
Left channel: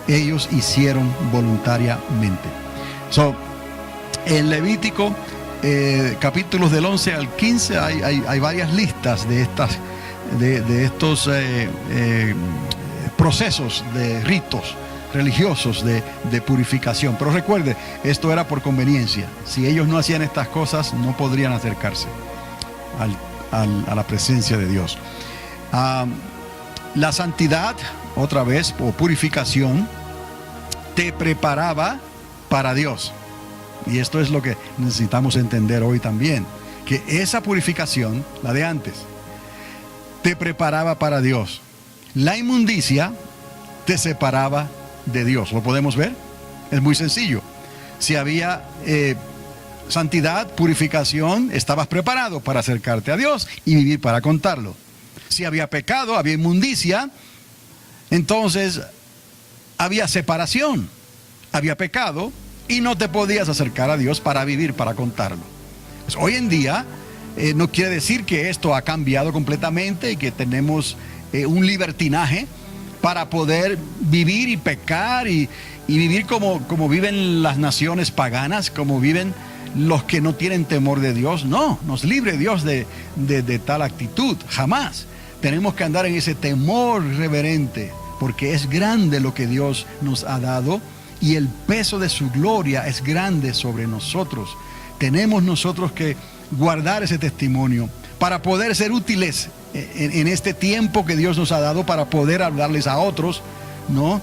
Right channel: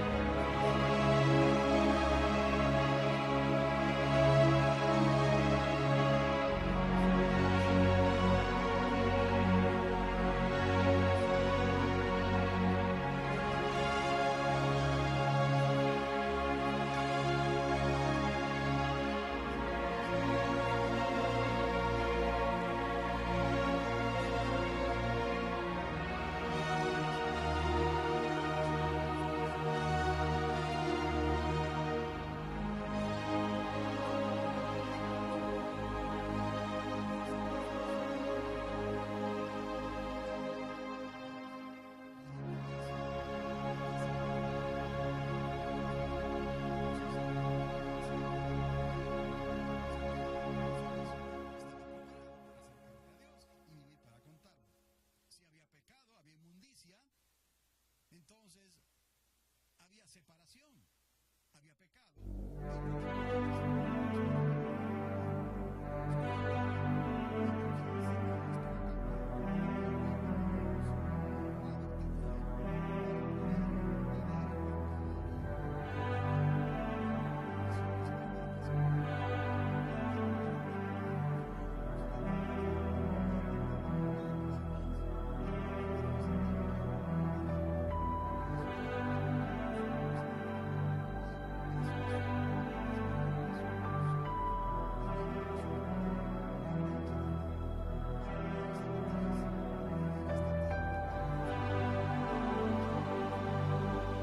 ellos hicieron voluntariamente. En Levítico, capítulos del 11 al 15, hay varias listas de estos procesos de ritos religiosos de purificación. Pero recuerde, esto era por conveniencia. Si ellos no hacían estas cosas, no podrían acercarse a la presencia de Dios. La santidad, otra vez, o purificación, te preparaba para Dios. Y esto es lo que necesitamos entender hoy también, que esa purificación, la de antes, te preparaba para Dios. La inmundicia te separaba de Dios. ¿Lo podemos ver? Es muy sencillo. Si había santidad, purificación, estabas preparado para acercarte a Dios y vivir para contarlo. Si había pecado, había inmundicia, entonces había separación, había pecado y no te podías acercar a Dios para vivir, para contarlo. Pues hoy en día no quiere decir que esto ha cambiado completamente y que tenemos un libertinaje para poder vivir y pecar y vivir como viven las naciones paganas, como viven los que no tienen temor de Dios. No, nos libre Dios de tal actitud, jamás. Tenemos que andar en ese temor reverente, porque es grande lo que Dios nos ha dado y el peso de su gloria es grande sobre nosotros. Tenemos nosotros que guardar ese testimonio para poder ser útiles en este tiempo que Dios nos ha dado, para poder hablarles a otros, ¿no?,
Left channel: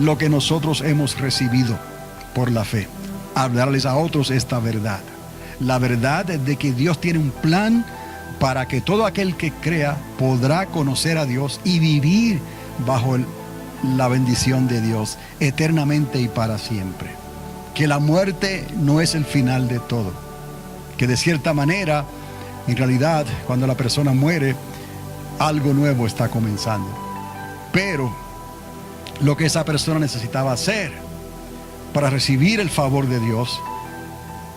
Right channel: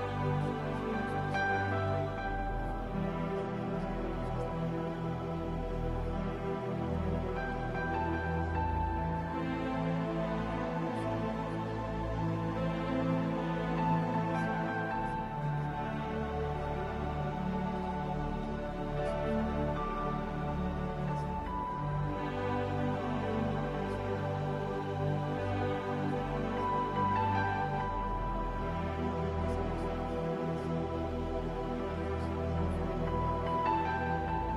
lo que nosotros hemos recibido por la fe. Hablarles a otros esta verdad. La verdad de que Dios tiene un plan para que todo aquel que crea podrá conocer a Dios y vivir bajo la bendición de Dios eternamente y para siempre. Que la muerte no es el final de todo. Que de cierta manera, en realidad, cuando la persona muere, algo nuevo está comenzando. Pero lo que esa persona necesitaba hacer para recibir el favor de Dios,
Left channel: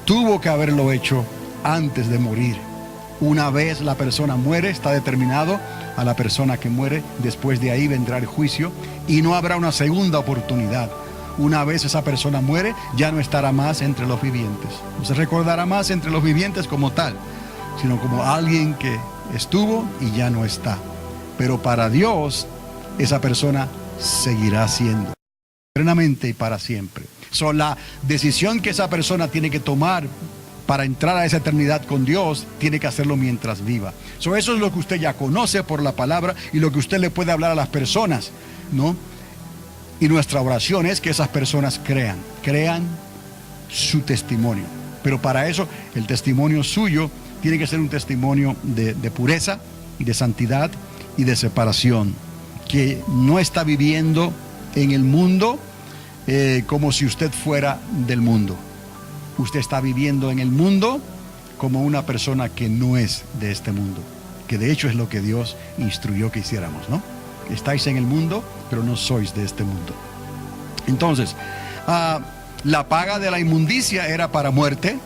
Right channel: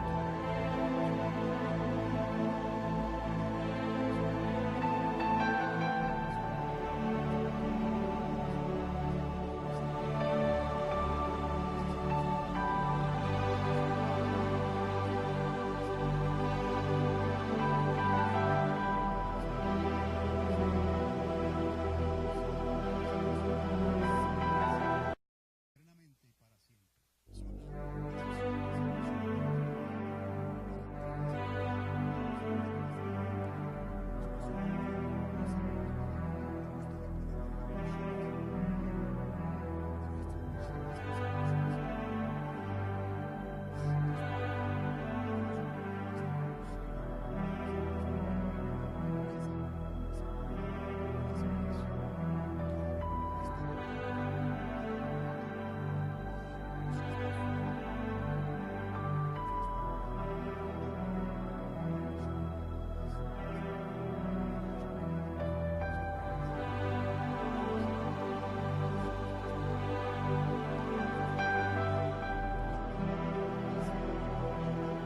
tuvo que haberlo hecho antes de morir. Una vez la persona muere, está determinado a la persona que muere. Después de ahí vendrá el juicio y no habrá una segunda oportunidad. Una vez esa persona muere, ya no estará más entre los vivientes. No se recordará más entre los vivientes como tal, sino como alguien que estuvo y ya no está. Pero para Dios, esa persona seguirá siendo eternamente y para siempre. La decisión que esa persona tiene que tomar para entrar a esa eternidad con Dios, tiene que hacerlo mientras viva. Eso es lo que usted ya conoce por la palabra y lo que usted le puede hablar a las personas, ¿no? Y nuestra oración es que esas personas crean su testimonio. Pero para eso, el testimonio suyo tiene que ser un testimonio de pureza, de santidad y de separación, que no está viviendo en el mundo como si usted fuera del mundo. Usted está viviendo en el mundo como una persona que no es de este mundo, que de hecho es lo que Dios instruyó que hiciéramos, ¿no? Estáis en el mundo, pero no sois de este mundo. Entonces, la paga de la inmundicia era para muerte,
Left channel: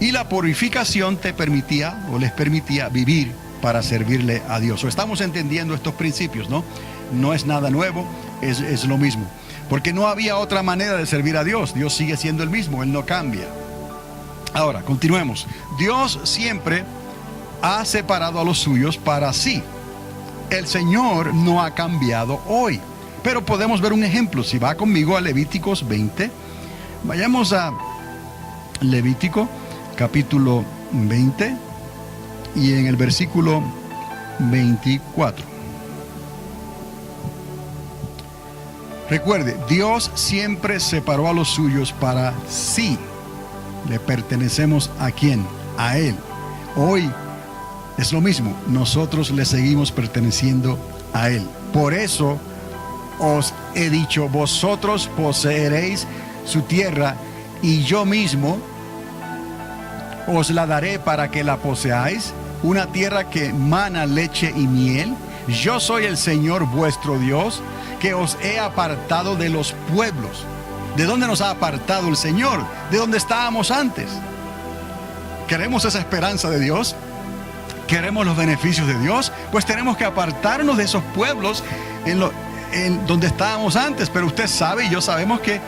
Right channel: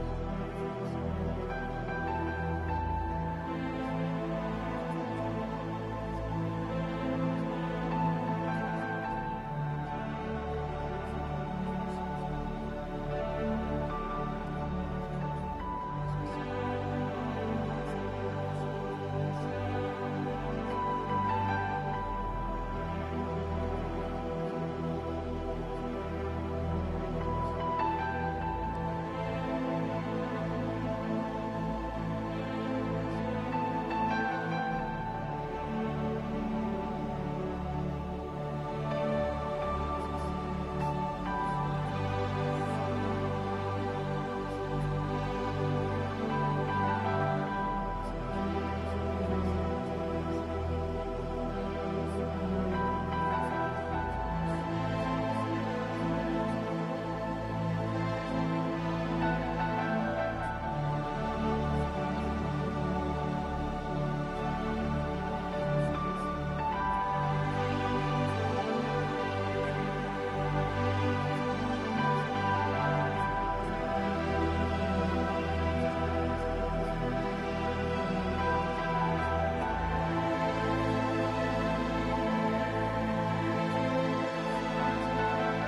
y la purificación te permitía o les permitía vivir para servirle a Dios. Estamos entendiendo estos principios, ¿no? No es nada nuevo, es lo mismo. Porque no había otra manera de servir a Dios. Dios sigue siendo el mismo, Él no cambia. Ahora, continuemos. Dios siempre ha separado a los suyos para sí. El Señor no ha cambiado hoy. Pero podemos ver un ejemplo. Si va conmigo a Levíticos 20, vayamos a Levítico capítulo 20 y en el versículo 24. Recuerde, Dios siempre separó a los suyos para sí. Le pertenecemos ¿a quién? A Él. Hoy es lo mismo. Nosotros le seguimos perteneciendo a Él. Por eso os he dicho, vosotros poseeréis su tierra y yo mismo os la daré para que la poseáis, una tierra que mana leche y miel. Yo soy el Señor vuestro Dios, que os he apartado de los pueblos. ¿De dónde nos ha apartado el Señor? De donde estábamos antes. ¿Queremos esa esperanza de Dios? ¿Queremos los beneficios de Dios? Pues tenemos que apartarnos de esos pueblos en donde estábamos antes. Pero usted sabe y yo sabemos que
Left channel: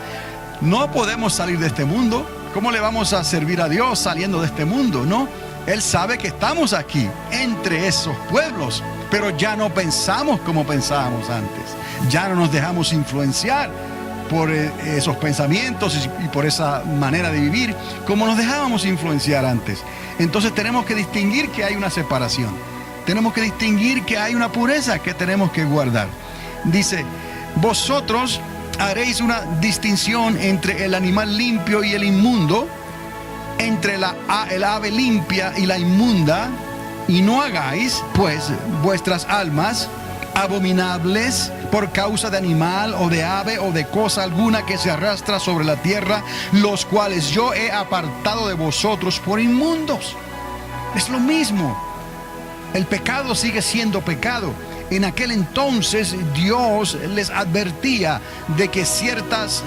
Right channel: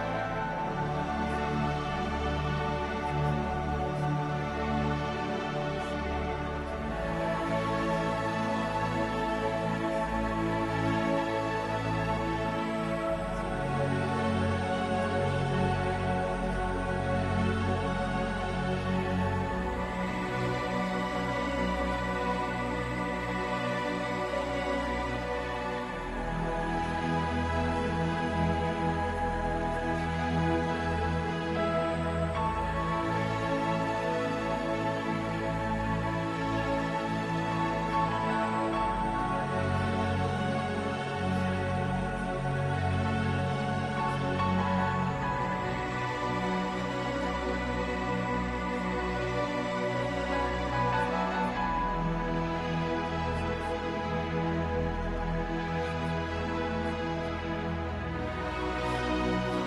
no podemos salir de este mundo. ¿Cómo le vamos a servir a Dios saliendo de este mundo? No, Él sabe que estamos aquí entre esos pueblos, pero ya no pensamos como pensábamos antes. Ya no nos dejamos influenciar por esos pensamientos y por esa manera de vivir como nos dejábamos influenciar antes. Entonces tenemos que distinguir que hay una separación. Tenemos que distinguir que hay una pureza que tenemos que guardar. Dice, vosotros haréis una distinción entre el animal limpio y el inmundo, entre el ave limpia y la inmunda, y no hagáis pues vuestras almas abominables por causa de animal o de ave o de cosa alguna que se arrastra sobre la tierra, los cuales yo he apartado de vosotros por inmundos. Es lo mismo. El pecado sigue siendo pecado. En aquel entonces Dios les advertía de que ciertas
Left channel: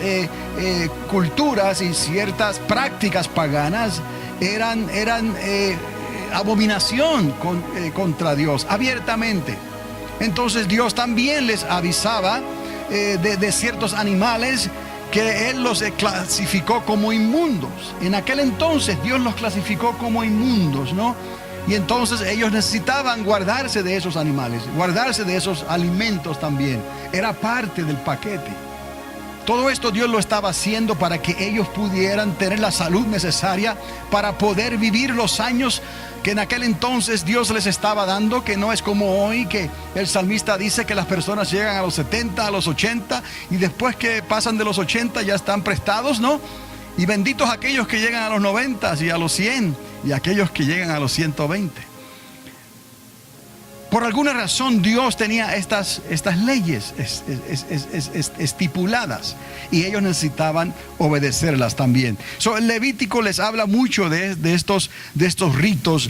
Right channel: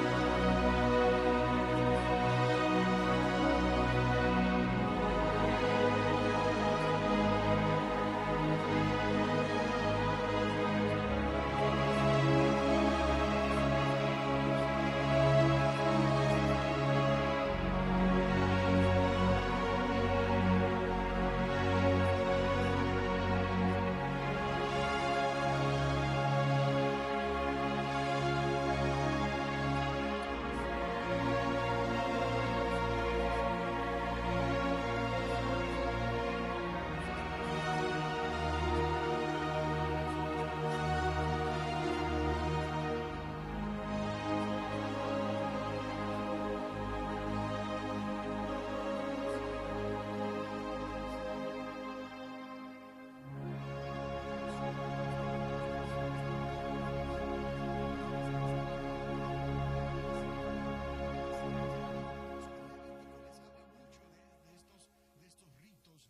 culturas y ciertas prácticas paganas eran abominación contra Dios, abiertamente. Entonces Dios también les avisaba de ciertos animales que Él los clasificó como inmundos. En aquel entonces Dios los clasificó como inmundos, ¿no? Y entonces ellos necesitaban guardarse de esos animales, guardarse de esos alimentos también. Era parte del paquete. Todo esto Dios lo estaba haciendo para que ellos pudieran tener la salud necesaria para poder vivir los años que en aquel entonces Dios les estaba dando, que no es como hoy, que el salmista dice que las personas llegan a los 70, a los 80, y después que pasan de los 80 ya están prestados, ¿no? Y benditos aquellos que llegan a los 90 y a los 100 y aquellos que llegan a los 120. Por alguna razón Dios tenía estas leyes estipuladas y ellos necesitaban obedecerlas también. El Levítico les habla mucho de estos ritos.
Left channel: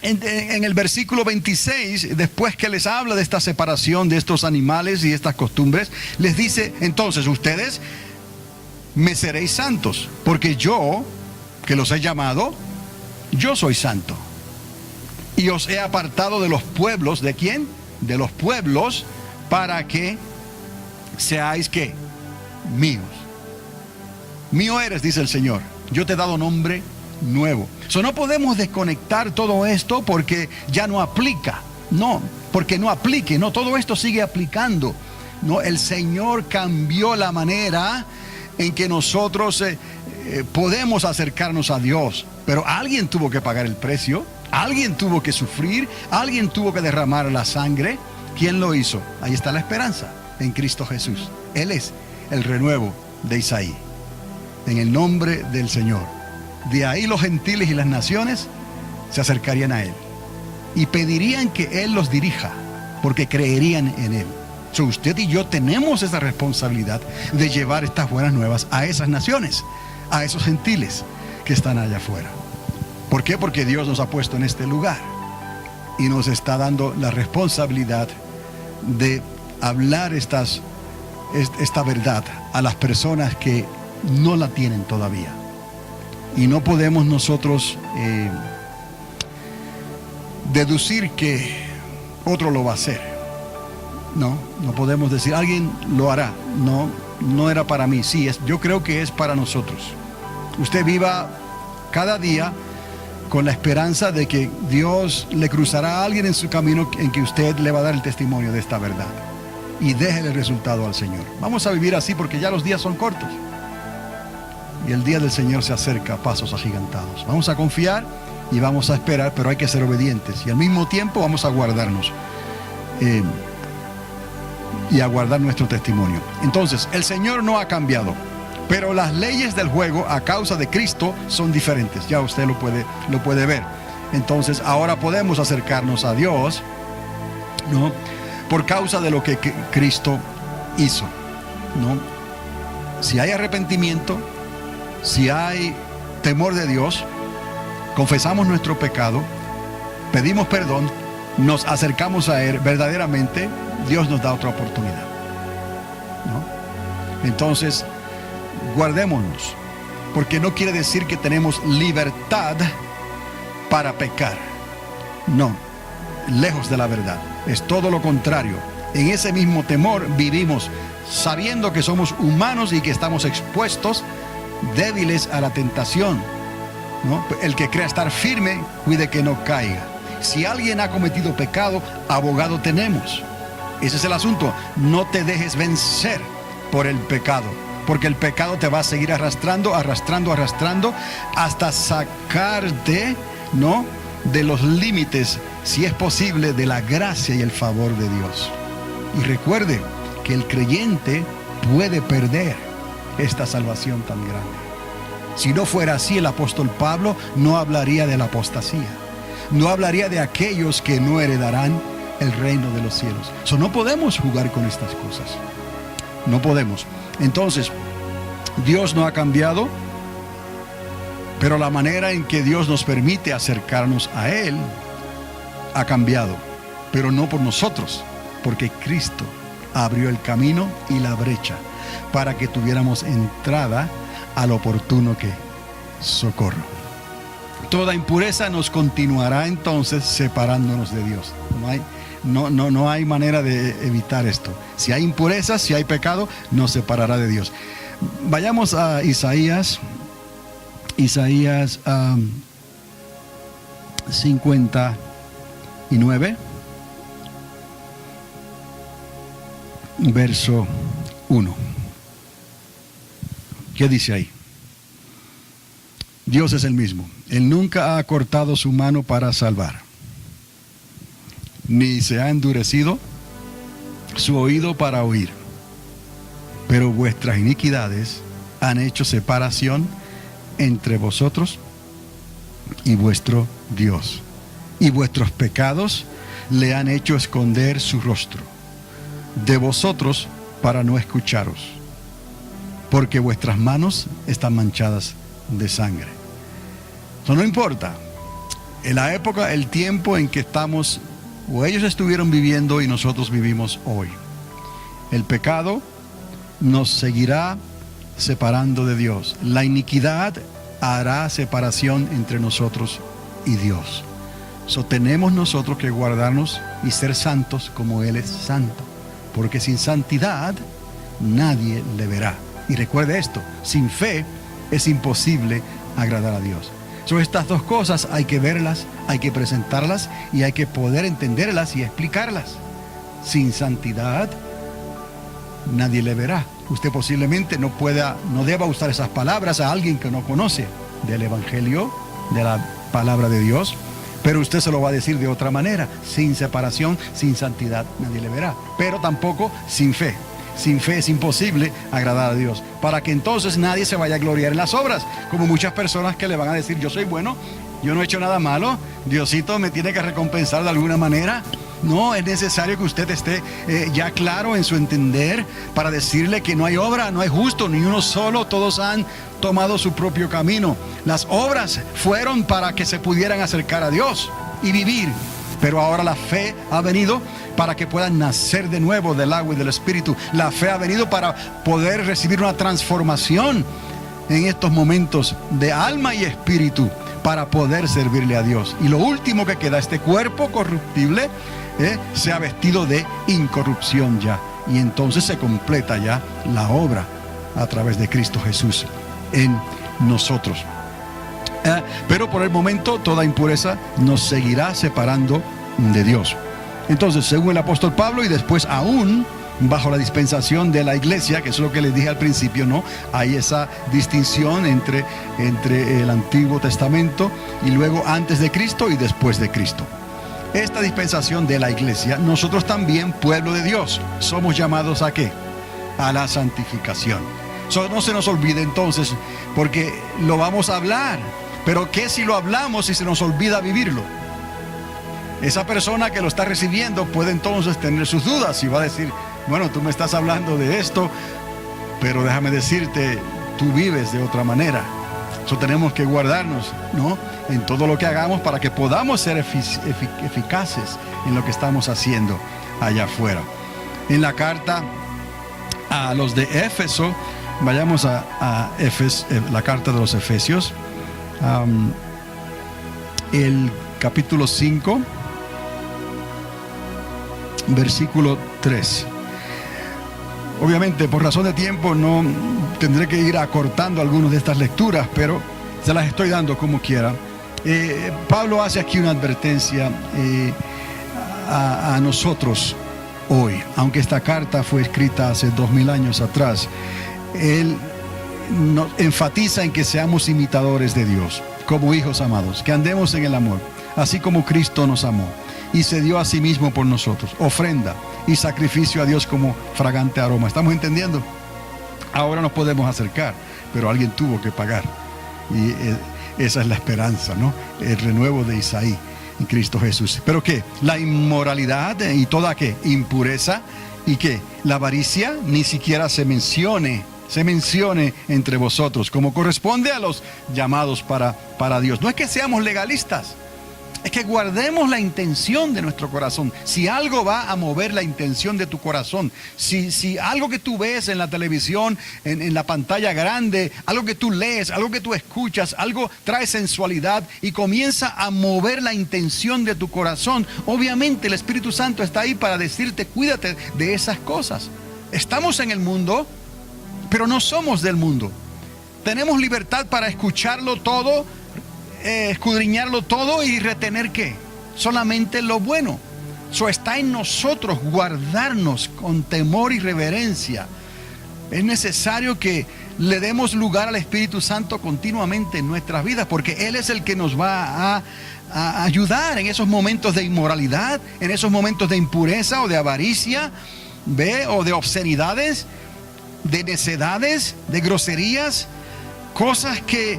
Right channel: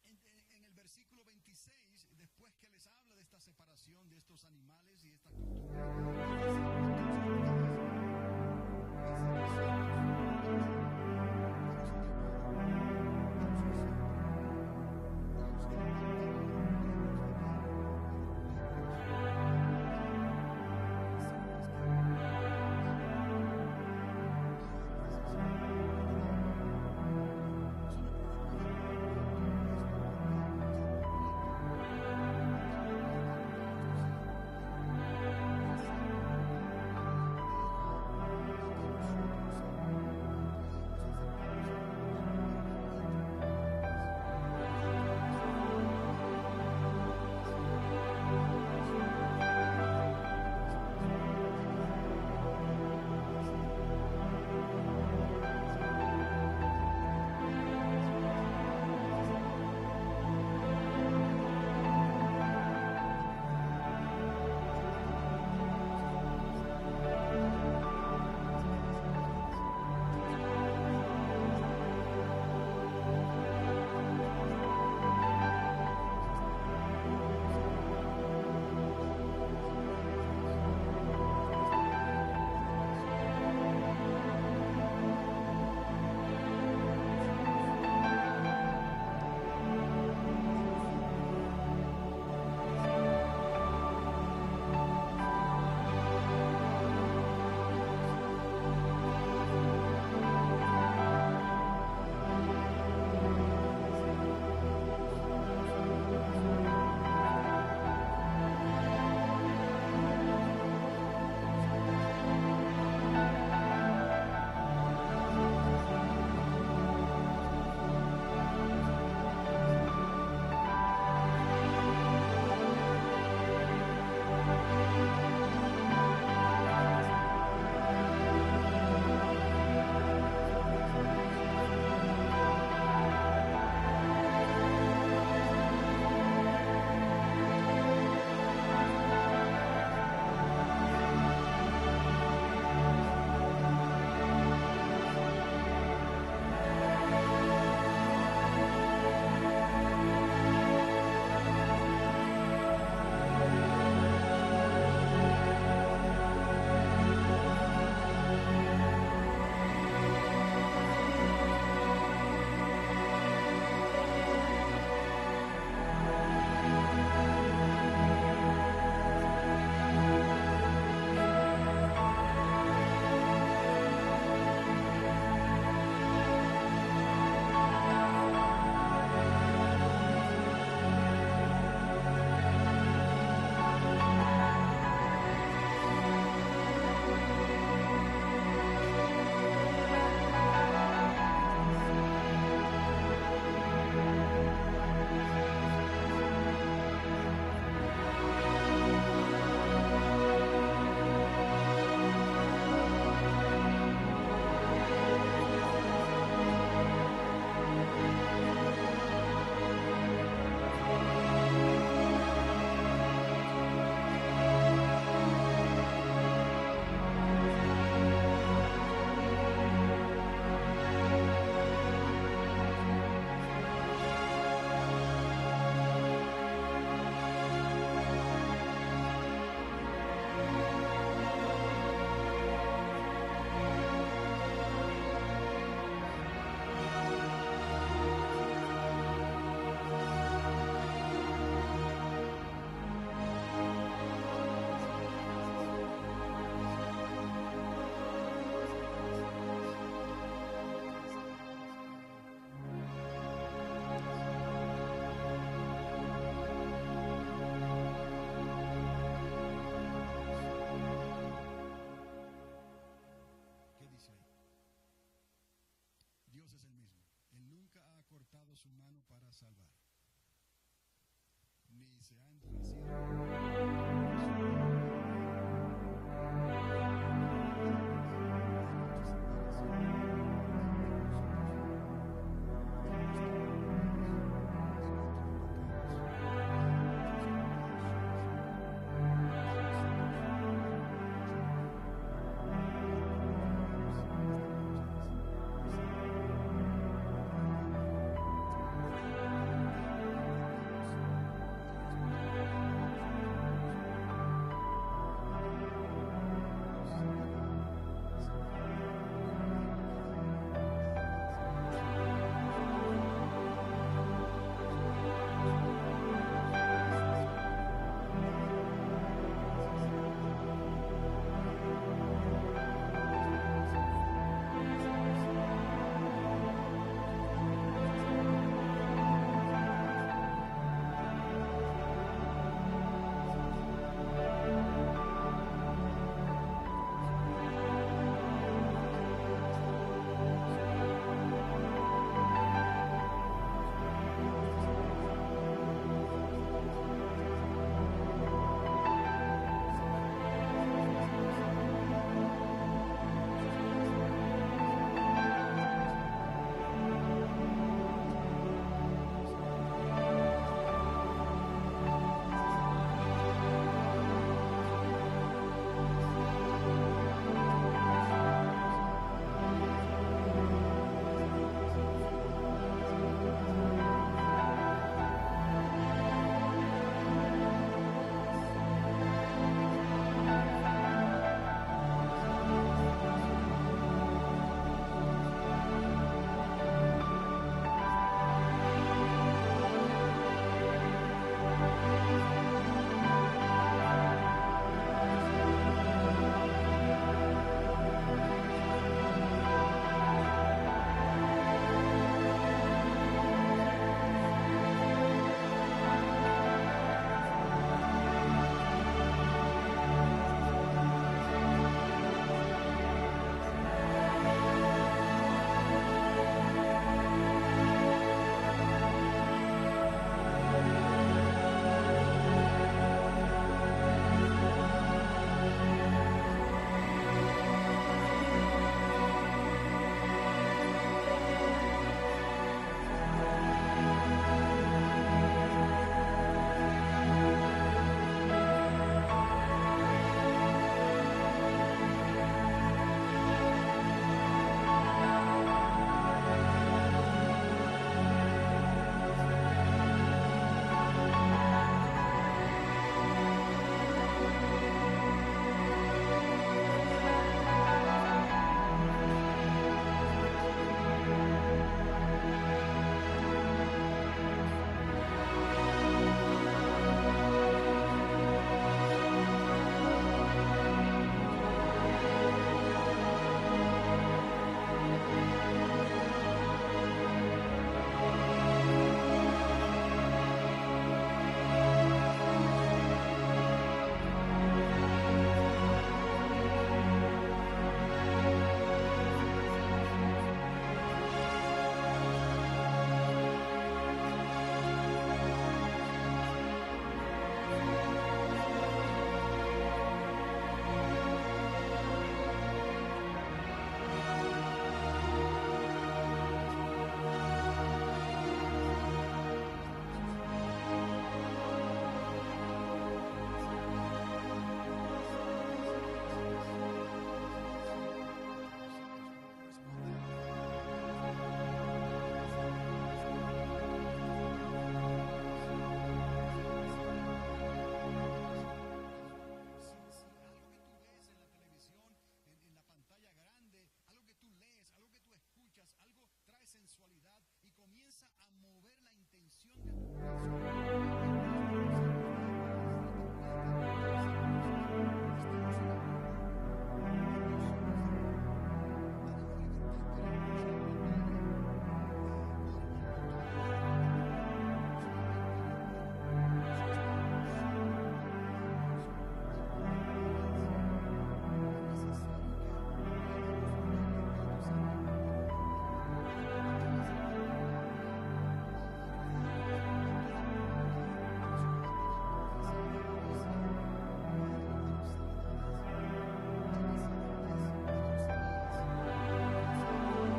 En el versículo 26, después que les habla de esta separación de estos animales y estas costumbres, les dice, entonces ustedes me seréis santos, porque yo, que los he llamado, yo soy santo. Y os he apartado de los pueblos, ¿de quién? De los pueblos, para que seáis, ¿qué? Míos. Mío eres, dice el Señor. Yo te he dado nombre nuevo. No podemos desconectar todo esto porque ya no aplica. No, porque no aplique. No, todo esto sigue aplicando. No, el Señor cambió la manera en que nosotros podemos acercarnos a Dios. Pero alguien tuvo que pagar el precio. Alguien tuvo que sufrir, alguien tuvo que derramar la sangre. ¿Quién lo hizo? Ahí está la esperanza, en Cristo Jesús. Él es el renuevo de Isaí. En el nombre del Señor. De ahí los gentiles y las naciones se acercarían a Él y pedirían que Él los dirija, porque creerían en Él. Usted y yo tenemos esa responsabilidad de llevar estas buenas nuevas a esas naciones, a esos gentiles que están allá afuera. ¿Por qué? Porque Dios nos ha puesto en este lugar y nos está dando la responsabilidad de hablar estas esta verdad a las personas que no la tienen todavía. Y no podemos nosotros deducir que otro lo va a hacer. No podemos decir, alguien lo hará. No era para mí. Sí, yo creo que es para nosotros. Usted viva cada día con la esperanza de que Dios le cruzará a alguien en su camino en que usted le va a dar el testimonio de esta verdad. Y deje el resultado al Señor. Vamos a vivir así porque ya los días son cortos. Y el día del Señor se acerca a pasos agigantados. Vamos a confiar y vamos a esperar, pero hay que ser obedientes. Y al mismo tiempo vamos a guardarnos. Y a guardar nuestro testimonio. Entonces, el Señor no ha cambiado. Pero las leyes del juego a causa de Cristo son diferentes. Ya usted lo puede ver. Entonces, ahora podemos acercarnos a Dios, ¿no? Por causa de lo que Cristo hizo, ¿no? Si hay arrepentimiento, si hay temor de Dios, confesamos nuestro pecado, pedimos perdón, nos acercamos a Él verdaderamente, Dios nos da otra oportunidad, ¿no? Entonces, guardémonos, porque no quiere decir que tenemos libertad para pecar. No, lejos de la verdad. Es todo lo contrario. En ese mismo temor vivimos sabiendo que somos humanos y que estamos expuestos, débiles a la tentación, ¿no? El que crea estar firme, cuide que no caiga. Si alguien ha cometido pecado, abogado tenemos. Ese es el asunto. No te dejes vencer por el pecado, porque el pecado te va a seguir arrastrando hasta sacarte, ¿no?, de los límites, si es posible, de la gracia y el favor de Dios. Y recuerde que el creyente puede perder esta salvación tan grande. Si no fuera así, el apóstol Pablo no hablaría de la apostasía, no hablaría de aquellos que no heredarán el reino de los cielos. No podemos jugar con estas cosas. No podemos. Entonces, Dios no ha cambiado, pero la manera en que Dios nos permite acercarnos a Él ha cambiado, pero no por nosotros, porque Cristo abrió el camino y la brecha para que tuviéramos entrada al oportuno socorro. Toda impureza nos continuará entonces separándonos de Dios. No hay manera de evitar esto. Si hay impureza, si hay pecado, nos separará de Dios. Vayamos a Isaías 59, verso 1. ¿Qué dice ahí? Dios es el mismo. Él nunca ha cortado su mano para salvar, ni se ha endurecido su oído para oír. Pero vuestras iniquidades han hecho separación entre vosotros y vuestro Dios, y vuestros pecados le han hecho esconder su rostro de vosotros para no escucharos, porque vuestras manos están manchadas de sangre. Eso no importa la época, el tiempo en que estamos o ellos estuvieron viviendo y nosotros vivimos hoy. El pecado nos seguirá separando de Dios. La iniquidad hará separación entre nosotros y Dios. Tenemos nosotros que guardarnos y ser santos como Él es santo, porque sin santidad nadie le verá. Y recuerde esto, sin fe es imposible agradar a Dios. Estas dos cosas hay que verlas, hay que presentarlas y hay que poder entenderlas y explicarlas. Sin santidad nadie le verá. Usted posiblemente no deba usar esas palabras a alguien que no conoce del Evangelio, de la palabra de Dios, pero usted se lo va a decir de otra manera. Sin separación, sin santidad nadie le verá, pero tampoco sin fe. Sin fe es imposible agradar a Dios, para que entonces nadie se vaya a gloriar en las obras, como muchas personas que le van a decir: yo soy bueno, yo no he hecho nada malo, Diosito me tiene que recompensar de alguna manera. No, es necesario que usted esté ya claro en su entender para decirle que no hay obra, no hay justo, ni uno solo, todos han tomado su propio camino. Las obras fueron para que se pudieran acercar a Dios y vivir Pero ahora la fe ha venido para que puedan nacer de nuevo del agua y del Espíritu. La fe ha venido para poder recibir una transformación en estos momentos de alma y espíritu para poder servirle a Dios. Y lo último que queda, este cuerpo corruptible, se ha vestido de incorrupción ya. Y entonces se completa ya la obra a través de Cristo Jesús en nosotros. Pero por el momento toda impureza nos seguirá separando de Dios. Entonces, según el apóstol Pablo, y después aún bajo la dispensación de la iglesia, que es lo que les dije al principio, ¿no? Hay esa distinción entre el Antiguo Testamento y luego antes de Cristo y después de Cristo. Esta dispensación de la iglesia, nosotros también, pueblo de Dios, somos llamados ¿a qué? A la santificación. No se nos olvide entonces, porque lo vamos a hablar, pero ¿qué si lo hablamos y se nos olvida vivirlo? Esa persona que lo está recibiendo puede entonces tener sus dudas y va a decir, bueno, tú me estás hablando de esto, pero déjame decirte, tú vives de otra manera. Eso tenemos que guardarnos, ¿no? En todo lo que hagamos para que podamos ser eficaces en lo que estamos haciendo allá afuera. En la carta a los de Éfeso, vayamos a la carta de los Efesios, el capítulo 5, versículo 3. Obviamente, por razón de tiempo, no tendré que ir acortando algunas de estas lecturas, pero se las estoy dando como quiera. Pablo hace aquí una advertencia a nosotros hoy, aunque esta carta fue escrita hace 2000 años atrás. Él nos enfatiza en que seamos imitadores de Dios, como hijos amados, que andemos en el amor, así como Cristo nos amó y se dio a sí mismo por nosotros, ofrenda y sacrificio a Dios como fragante aroma. ¿Estamos entendiendo? Ahora nos podemos acercar, pero alguien tuvo que pagar. Y esa es la esperanza, ¿no? El renuevo de Isaí en Cristo Jesús. ¿Pero qué? La inmoralidad y toda ¿qué? Impureza y ¿qué? La avaricia ni siquiera se mencione entre vosotros, como corresponde a los llamados para Dios. No es que seamos legalistas, es que guardemos la intención de nuestro corazón. Si algo va a mover la intención de tu corazón, si algo que tú ves en la televisión, en la pantalla grande, algo que tú lees, algo que tú escuchas, algo trae sensualidad y comienza a mover la intención de tu corazón, obviamente el Espíritu Santo está ahí para decirte, cuídate de esas cosas. Estamos en el mundo, pero no somos del mundo. Tenemos libertad para escucharlo todo, escudriñarlo todo y retener ¿qué? Solamente lo bueno. Eso está en nosotros, guardarnos con temor y reverencia. Es necesario que le demos lugar al Espíritu Santo continuamente en nuestras vidas, porque Él es el que nos va a ayudar en esos momentos de inmoralidad, en esos momentos de impureza o de avaricia, o de obscenidades, de necedades, de groserías, cosas que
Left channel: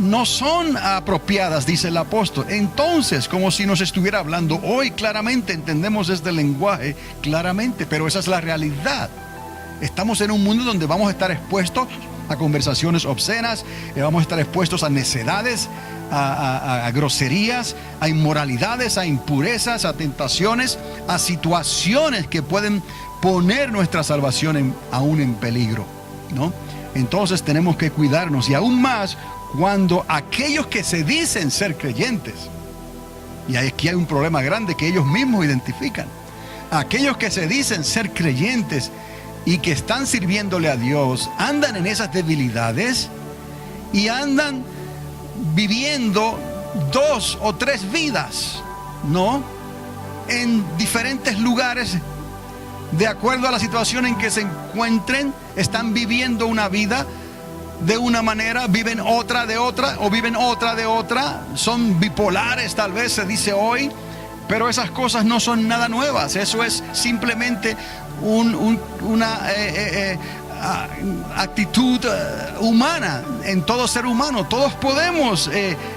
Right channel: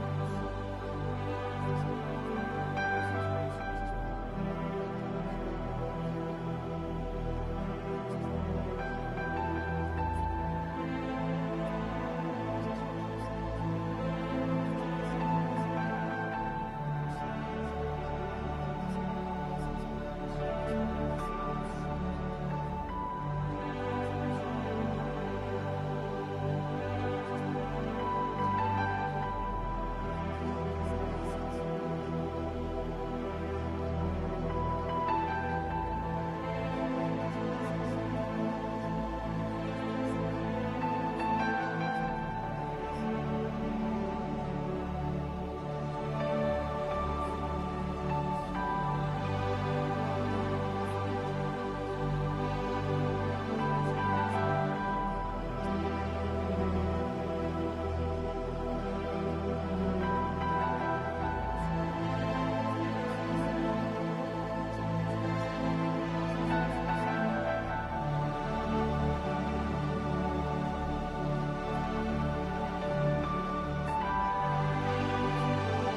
no son apropiadas, dice el apóstol. Entonces, como si nos estuviera hablando hoy, claramente entendemos este lenguaje claramente, pero esa es la realidad. Estamos en un mundo donde vamos a estar expuestos a conversaciones obscenas, vamos a estar expuestos a necedades, a groserías, a inmoralidades, a impurezas, a tentaciones, a situaciones que pueden poner nuestra salvación aún en peligro, ¿no? Entonces tenemos que cuidarnos, y aún más cuando aquellos que se dicen ser creyentes, y aquí hay un problema grande que ellos mismos identifican, aquellos que se dicen ser creyentes y que están sirviéndole a Dios, andan en esas debilidades y andan viviendo 2 o 3 vidas, ¿no? En diferentes lugares, de acuerdo a la situación en que se encuentren. Están viviendo una vida de una manera, viven otra de otra, o viven otra de otra. Son bipolares, tal vez se dice hoy, pero esas cosas no son nada nuevas. Eso es simplemente una actitud humana en todo ser humano. Todos podemos,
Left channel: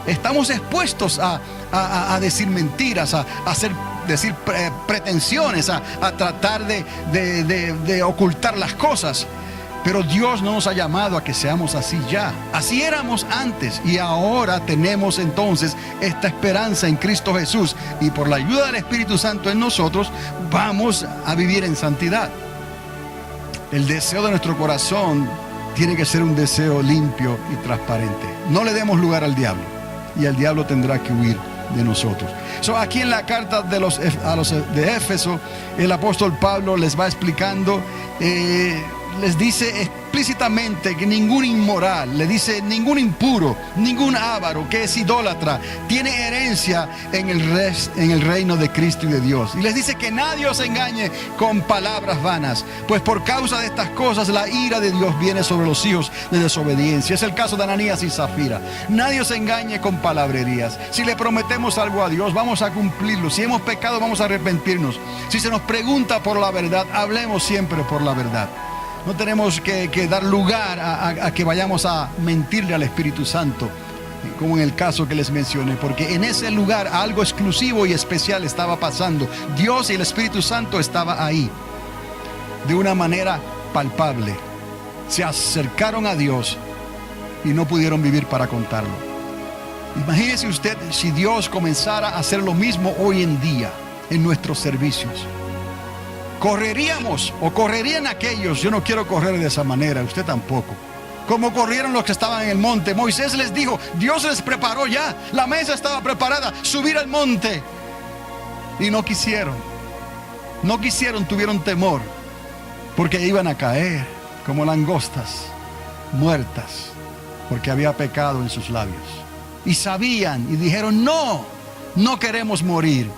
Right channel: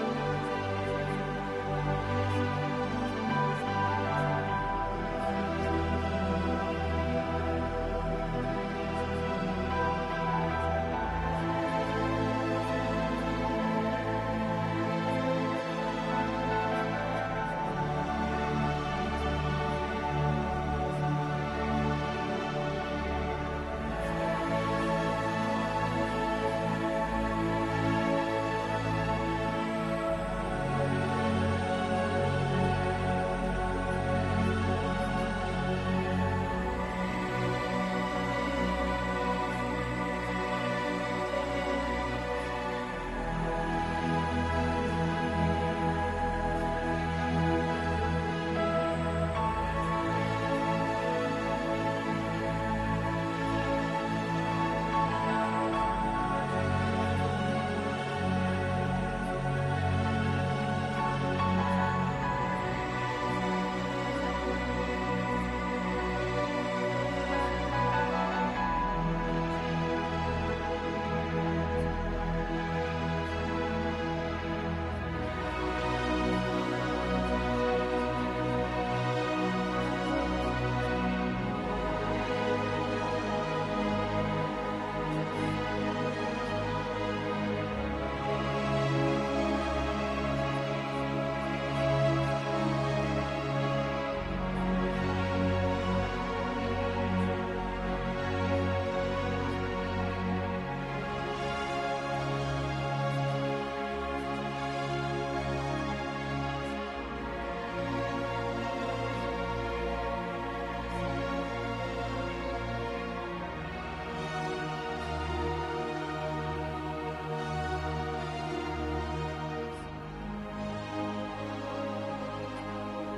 estamos expuestos a decir mentiras, a decir pretensiones, a tratar de ocultar las cosas. Pero Dios no nos ha llamado a que seamos así ya. Así éramos antes y ahora tenemos entonces esta esperanza en Cristo Jesús. Y por la ayuda del Espíritu Santo en nosotros vamos a vivir en santidad. El deseo de nuestro corazón tiene que ser un deseo limpio y transparente. No le demos lugar al diablo y el diablo tendrá que huir de nosotros. Aquí en la carta de los de Éfeso, el apóstol Pablo les va explicando, les dice explícitamente que ningún inmoral, le dice ningún impuro, ningún avaro que es idólatra tiene herencia en el reino de Cristo y de Dios. Y les dice que nadie os engañe con palabras vanas, pues por causa de estas cosas la ira de Dios viene sobre los hijos de desobediencia. Es el caso de Ananías y Zafira. Nadie os engañe con palabrerías. Si le prometemos algo a Dios, vamos a cumplirlo. Si hemos pecado, vamos a arrepentirnos. Si se nos pregunta por la verdad, hablemos siempre por la verdad. No tenemos que dar lugar a que vayamos a mentirle al Espíritu Santo, como en el caso que les mencioné, porque en ese lugar algo exclusivo y especial estaba pasando. Dios y el Espíritu Santo estaba ahí de una manera palpable. Se acercaron a Dios y no pudieron vivir para contarlo. Imagínese usted si Dios comenzara a hacer lo mismo hoy en día en nuestros servicios. Correríamos o correrían aquellos. Yo no quiero correr de esa manera, usted tampoco. Como corrieron los que estaban en el monte. Moisés les dijo, Dios les preparó ya, la mesa estaba preparada, subir al monte. Y no quisieron, tuvieron temor, porque iban a caer como langostas muertas, porque había pecado en sus labios. Y sabían y dijeron, no queremos morir.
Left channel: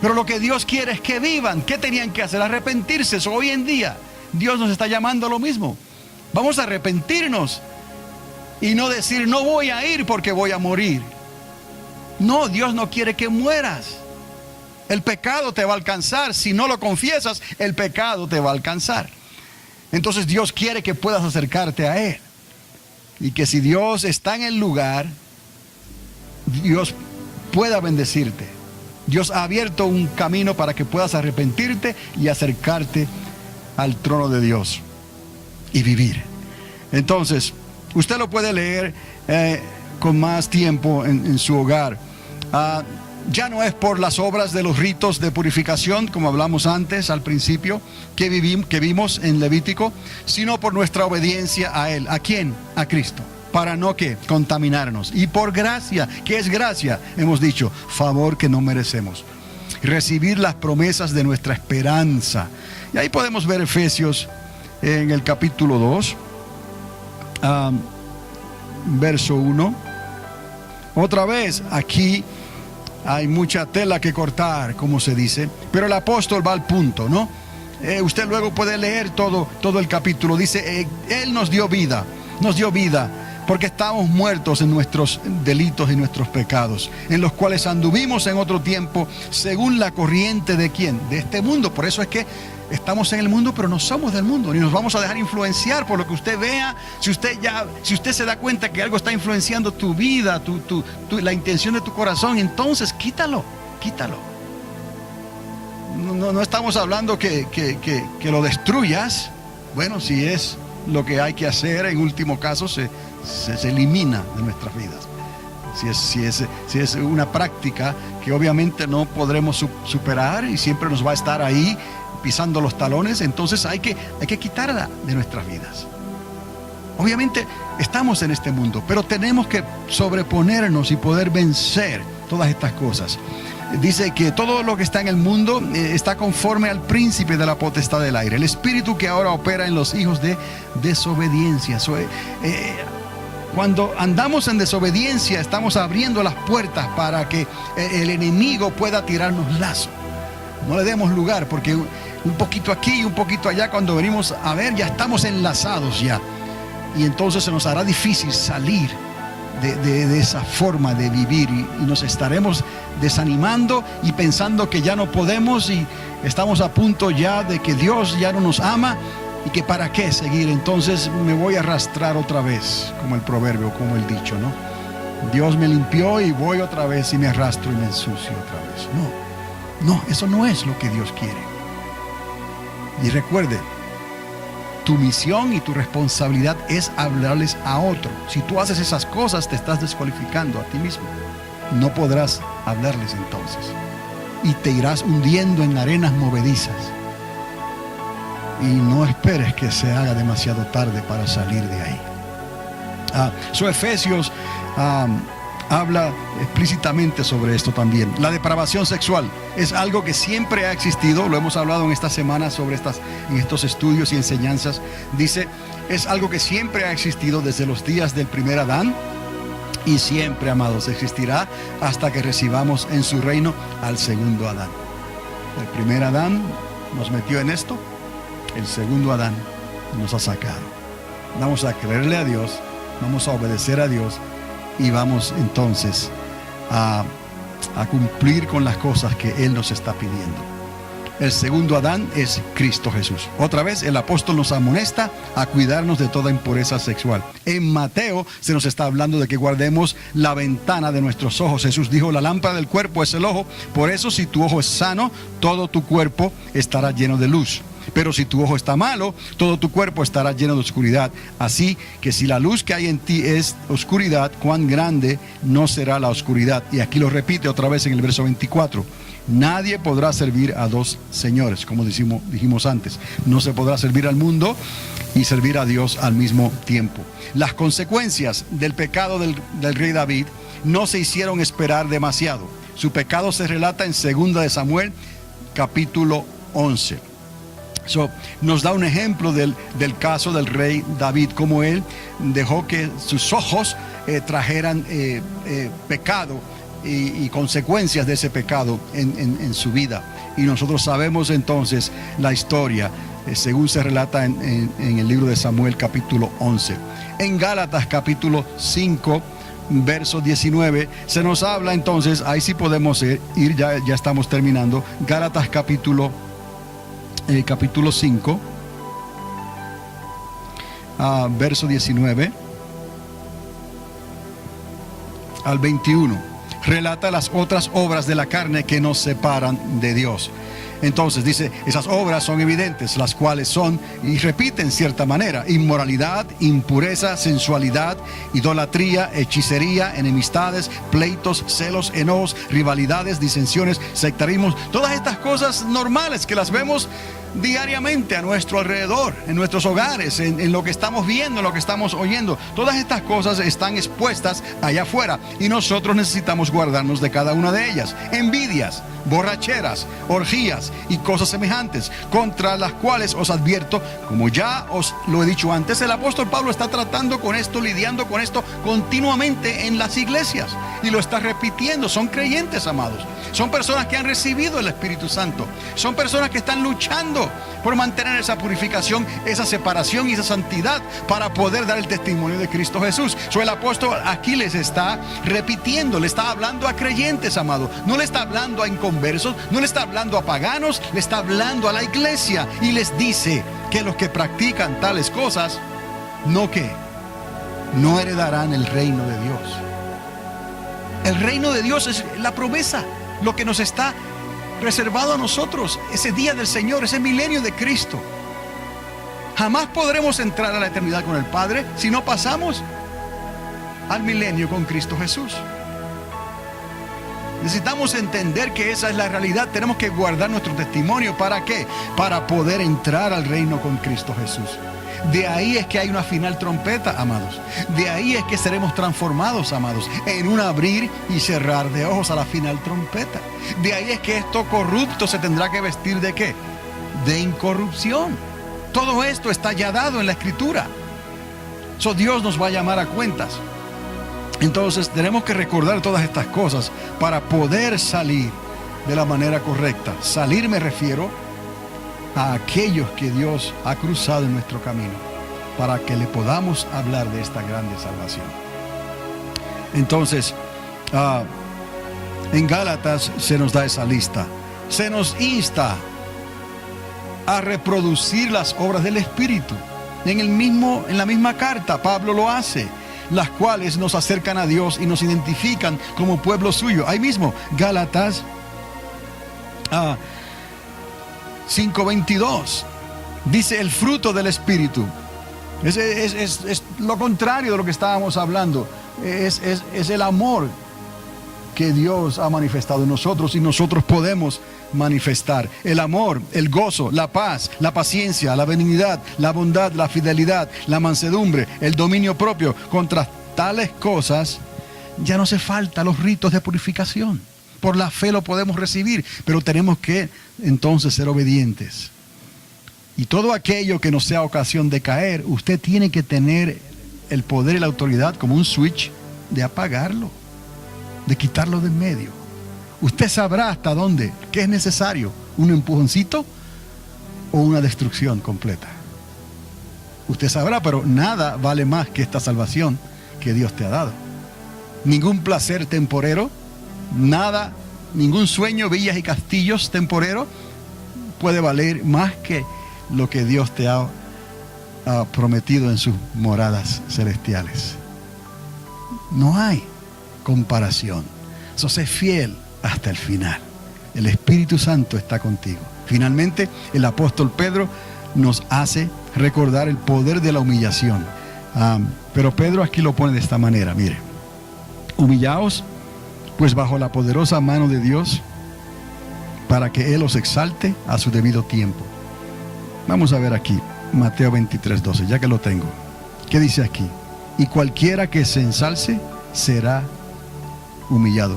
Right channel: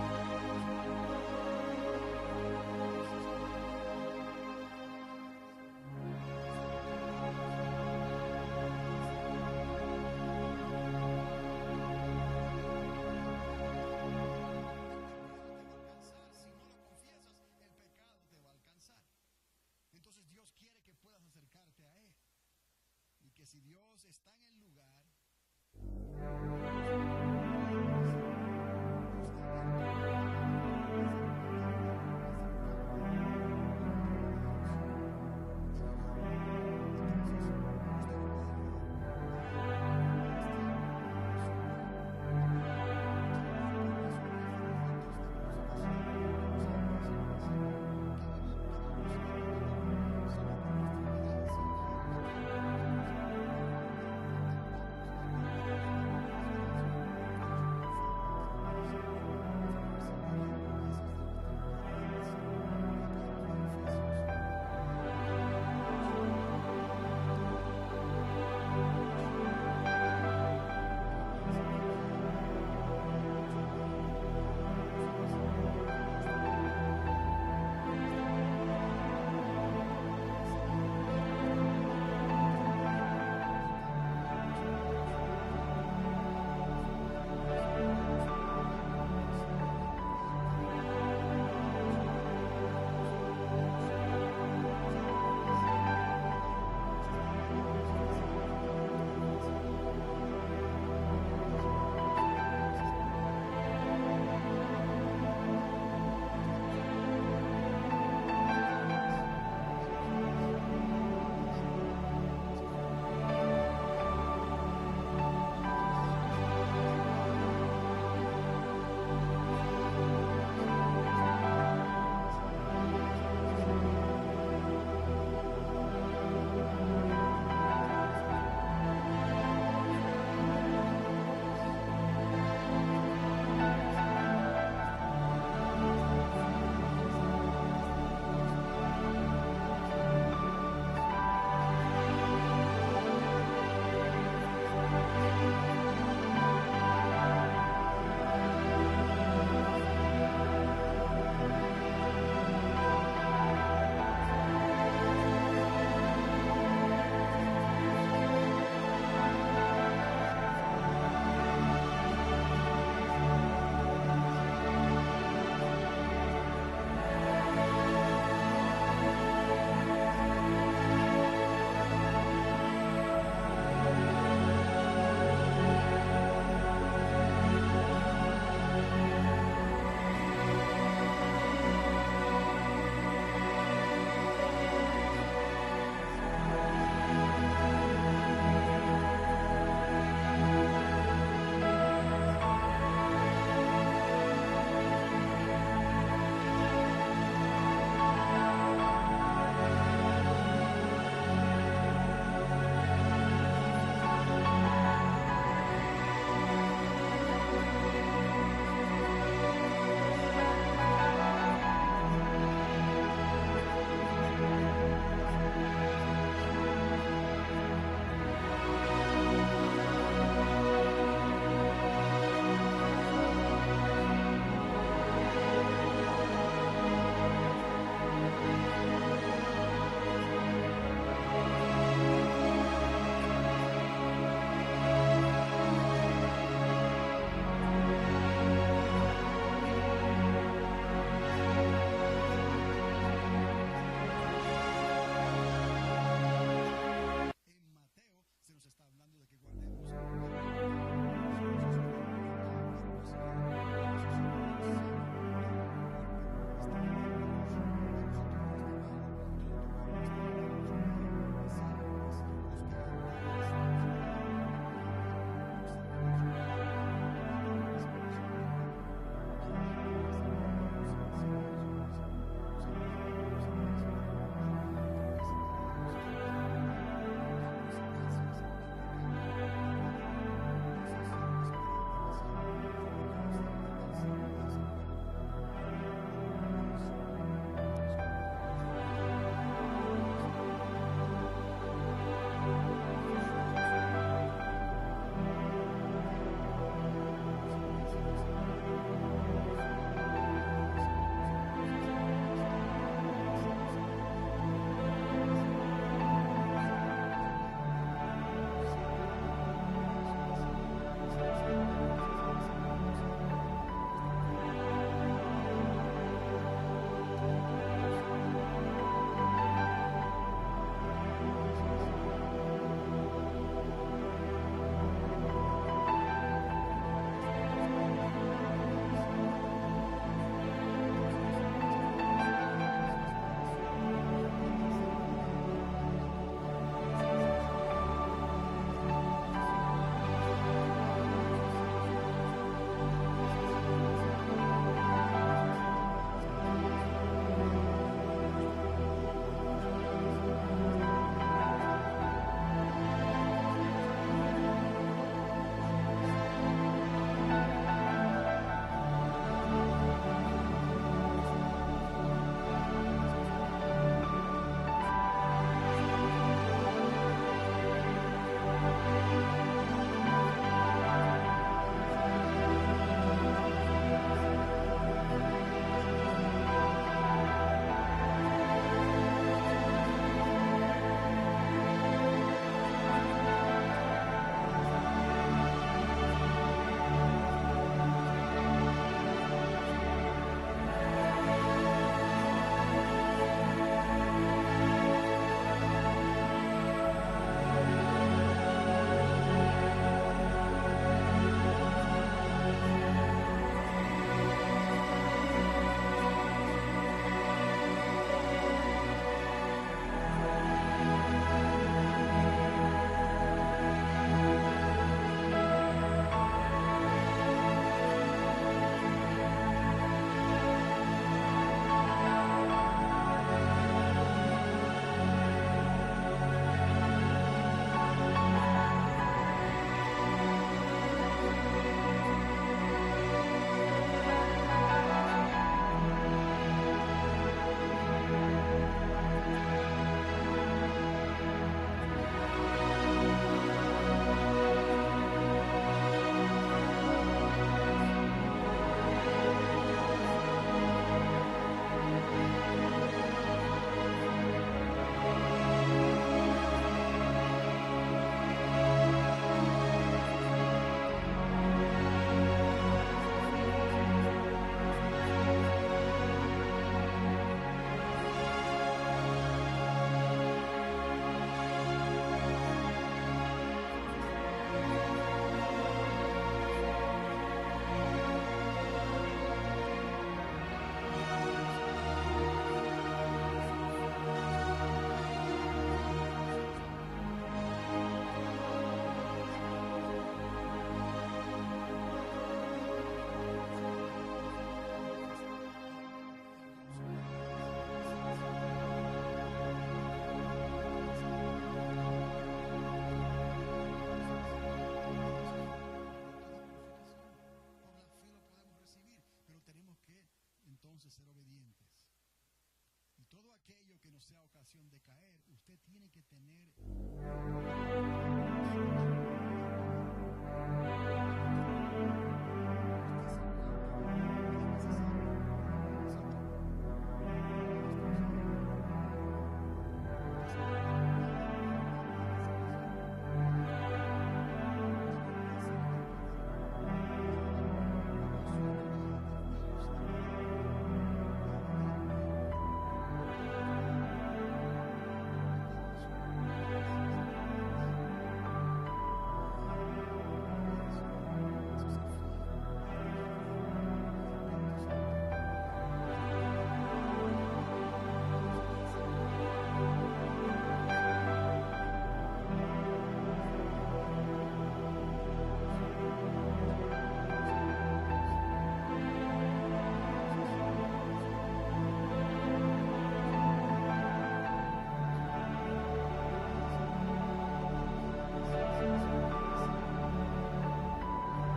Pero lo que Dios quiere es que vivan. ¿Qué tenían que hacer? Arrepentirse. Hoy en día Dios nos está llamando a lo mismo. Vamos a arrepentirnos y no decir, no voy a ir porque voy a morir. No, Dios no quiere que mueras. El pecado te va a alcanzar. Si no lo confiesas, el pecado te va a alcanzar. Entonces Dios quiere que puedas acercarte a Él. Y que si Dios está en el lugar, Dios pueda bendecirte. Dios ha abierto un camino para que puedas arrepentirte y acercarte al trono de Dios y vivir. Entonces, usted lo puede leer con más tiempo en su hogar. Ya no es por las obras de los ritos de purificación, como hablamos antes al principio, que vimos en Levítico, sino por nuestra obediencia a Él. ¿A quién? A Cristo. Para no contaminarnos. Y por gracia, ¿qué es gracia? Hemos dicho, favor que no merecemos. Recibir las promesas de nuestra esperanza. Y ahí podemos ver Efesios en el capítulo 2, verso 1. Otra vez, aquí hay mucha tela que cortar, como se dice, pero el apóstol va al punto, ¿no? Usted luego puede leer todo el capítulo. Dice, Él nos dio vida, porque estábamos muertos en nuestros delitos y nuestros pecados, en los cuales anduvimos en otro tiempo, según la corriente de ¿quién? De este mundo. Por eso es que estamos en el mundo, pero no somos del mundo, ni nos vamos a dejar influenciar por lo que usted vea. Si usted se da cuenta que algo está influenciando tu vida, la intención de tu corazón, entonces quítalo. No estamos hablando que lo destruyas. Bueno, si es lo que hay que hacer, en último caso se elimina de nuestras vidas. Si es una práctica que obviamente no podremos superar y siempre nos va a estar ahí pisando los talones, entonces hay que quitarla de nuestras vidas. Obviamente estamos en este mundo, pero tenemos que sobreponernos y poder vencer todas estas cosas. Dice que todo lo que está en el mundo está conforme al príncipe de la potestad del aire, el espíritu que ahora opera en los hijos de desobediencia. Cuando andamos en desobediencia, estamos abriendo las puertas para que el enemigo pueda tirarnos lazo. No le demos lugar, porque un poquito aquí y un poquito allá, cuando venimos a ver, ya estamos enlazados ya. Y entonces se nos hará difícil salir de esa forma de vivir y nos estaremos desanimando y pensando que ya no podemos y estamos a punto ya de que Dios ya no nos ama y que para qué seguir. Entonces me voy a arrastrar otra vez, como el proverbio, como el dicho, ¿no? Dios me limpió y voy otra vez y me arrastro y me ensucio otra vez. No, eso no es lo que Dios quiere. Y recuerde, tu misión y tu responsabilidad es hablarles a otro. Si tú haces esas cosas, te estás descualificando a ti mismo. No podrás hablarles entonces. Y te irás hundiendo en arenas movedizas. Y no esperes que se haga demasiado tarde para salir de ahí. Efesios habla explícitamente sobre esto también. La depravación sexual es algo que siempre ha existido. Lo hemos hablado en esta semana en estos estudios y enseñanzas. Dice, es algo que siempre ha existido desde los días del primer Adán. Y siempre, amados, existirá hasta que recibamos en su reino al segundo Adán. El primer Adán nos metió en esto. El segundo Adán nos ha sacado. Vamos a creerle a Dios, vamos a obedecer a Dios y vamos entonces a cumplir con las cosas que Él nos está pidiendo. El segundo Adán es Cristo Jesús. Otra vez el apóstol nos amonesta a cuidarnos de toda impureza sexual. En Mateo se nos está hablando de que guardemos la ventana de nuestros ojos. Jesús dijo, la lámpara del cuerpo es el ojo. Por eso si tu ojo es sano, todo tu cuerpo estará lleno de luz. Pero si tu ojo está malo, todo tu cuerpo estará lleno de oscuridad. Así que si la luz que hay en ti es oscuridad, cuán grande no será la oscuridad. Y aquí lo repite otra vez en el verso 24. Nadie podrá servir a dos señores, como dijimos antes. No se podrá servir al mundo y servir a Dios al mismo tiempo. Las consecuencias del pecado del rey David no se hicieron esperar demasiado. Su pecado se relata en 2 de Samuel, capítulo 11. Nos da un ejemplo del caso del rey David, como él dejó que sus ojos trajeran pecado y consecuencias de ese pecado en su vida. Y nosotros sabemos entonces la historia, según se relata en el libro de Samuel, capítulo 11. En Gálatas, capítulo 5, verso 19, se nos habla entonces, ahí sí podemos ir, ya estamos terminando. Gálatas capítulo 5, verso 19 al 21. Relata las otras obras de la carne que nos separan de Dios. Entonces dice, esas obras son evidentes, las cuales son, y repite en cierta manera, inmoralidad, impureza, sensualidad, idolatría, hechicería, enemistades, pleitos, celos, enojos, rivalidades, disensiones, sectarismos, todas estas cosas normales que las vemos diariamente a nuestro alrededor, en nuestros hogares, en lo que estamos viendo, en lo que estamos oyendo. Todas estas cosas están expuestas allá afuera y nosotros necesitamos guardarnos de cada una de ellas. Envidias, borracheras, orgías y cosas semejantes, contra las cuales os advierto, como ya os lo he dicho antes. El apóstol Pablo está tratando con esto, lidiando con esto continuamente en las iglesias y lo está repitiendo. Son creyentes, amados, son personas que han recibido el Espíritu Santo, son personas que están luchando por mantener esa purificación, esa separación y esa santidad para poder dar el testimonio de Cristo Jesús. El apóstol aquí les está repitiendo, le está hablando a creyentes, amado. No le está hablando a inconversos, no le está hablando a paganos, le está hablando a la iglesia y les dice que los que practican tales cosas no heredarán el reino de Dios. El reino de Dios es la promesa, lo que nos está reservado a nosotros, ese día del Señor, ese milenio de Cristo. Jamás podremos entrar a la eternidad con el Padre si no pasamos al milenio con Cristo Jesús. Necesitamos entender que esa es la realidad. Tenemos que guardar nuestro testimonio. ¿Para qué? Para poder entrar al reino con Cristo Jesús. De ahí es que hay una final trompeta, amados. De ahí es que seremos transformados, amados, en un abrir y cerrar de ojos a la final trompeta. De ahí es que esto corrupto se tendrá que vestir ¿de qué? De incorrupción. Todo esto está ya dado en la Escritura. Dios nos va a llamar a cuentas. Entonces tenemos que recordar todas estas cosas para poder salir de la manera correcta. Salir me refiero a aquellos que Dios ha cruzado en nuestro camino, para que le podamos hablar de esta grande salvación. Entonces, en Gálatas se nos da esa lista. Se nos insta a reproducir las obras del Espíritu. En la misma carta, Pablo lo hace, las cuales nos acercan a Dios y nos identifican como pueblo suyo. Ahí mismo, Gálatas 5:22. Dice el fruto del Espíritu. Es lo contrario de lo que estábamos hablando. Es el amor que Dios ha manifestado en nosotros y nosotros podemos manifestar. El amor, el gozo, la paz, la paciencia, la benignidad, la bondad, la fidelidad, la mansedumbre, el dominio propio. Contra tales cosas ya no hace falta los ritos de purificación. Por la fe lo podemos recibir, pero tenemos que entonces ser obedientes. Y todo aquello que no sea ocasión de caer, usted tiene que tener el poder y la autoridad como un switch de apagarlo, de quitarlo de en medio. Usted sabrá hasta dónde, qué es necesario, un empujoncito o una destrucción completa. Usted sabrá, pero nada vale más que esta salvación que Dios te ha dado. Ningún placer temporero, nada, ningún sueño, villas y castillos temporero puede valer más que lo que Dios te ha prometido en sus moradas celestiales. No hay comparación. So, sé fiel hasta el final. El Espíritu Santo está contigo. Finalmente, el apóstol Pedro nos hace recordar el poder de la humillación. Pero Pedro aquí lo pone de esta manera, mire. Humillaos, pues bajo la poderosa mano de Dios, para que Él os exalte a su debido tiempo. Vamos a ver aquí, Mateo 23:12, ya que lo tengo. ¿Qué dice aquí? Y cualquiera que se ensalce será humillado.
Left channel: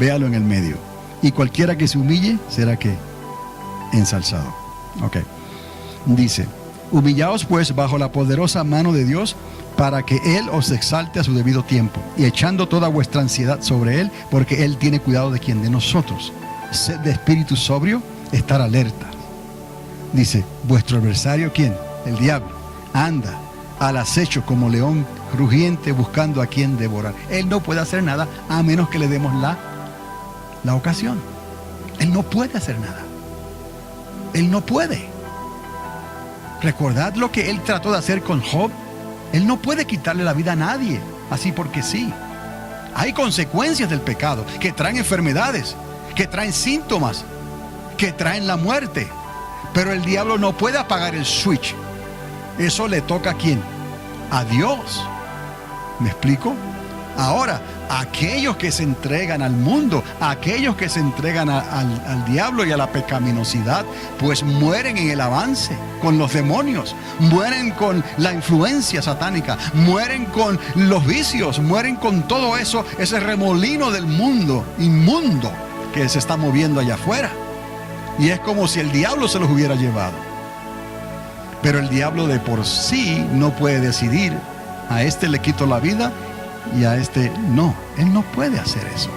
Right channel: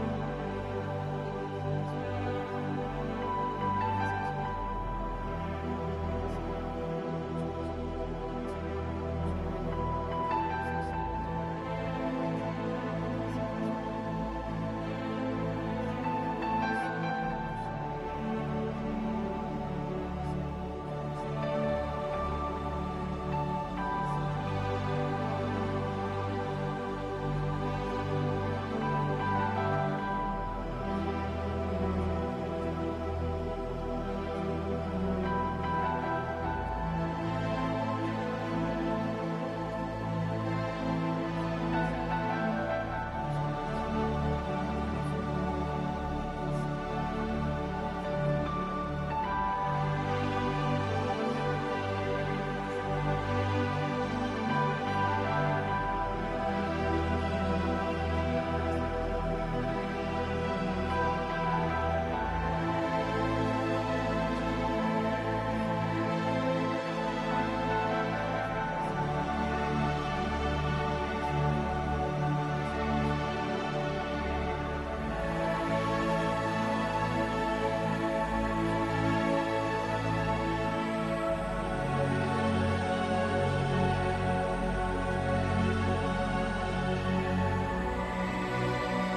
Véalo en el medio. Y cualquiera que se humille será ¿qué? Ensalzado. Ok. Dice, humillaos pues bajo la poderosa mano de Dios, para que Él os exalte a su debido tiempo, y echando toda vuestra ansiedad sobre Él, porque Él tiene cuidado de quién, de nosotros. Sed de espíritu sobrio, estar alerta. Dice, vuestro adversario, ¿quién? El diablo. Anda al acecho como león rugiente buscando a quien devorar. Él no puede hacer nada a menos que le demos la ocasión. Él no puede hacer nada. Él no puede. Recordad lo que Él trató de hacer con Job. Él no puede quitarle la vida a nadie, así porque sí. Hay consecuencias del pecado que traen enfermedades, que traen síntomas, que traen la muerte. Pero el diablo no puede apagar el switch. Eso le toca ¿a quién? A Dios. ¿Me explico? Ahora, aquellos que se entregan al mundo, aquellos que se entregan al diablo y a la pecaminosidad, pues mueren en el avance con los demonios, mueren con la influencia satánica, mueren con los vicios, mueren con todo eso, ese remolino del mundo inmundo que se está moviendo allá afuera. Y es como si el diablo se los hubiera llevado. Pero el diablo de por sí no puede decidir, a este le quito la vida y a este no. Él no puede hacer eso.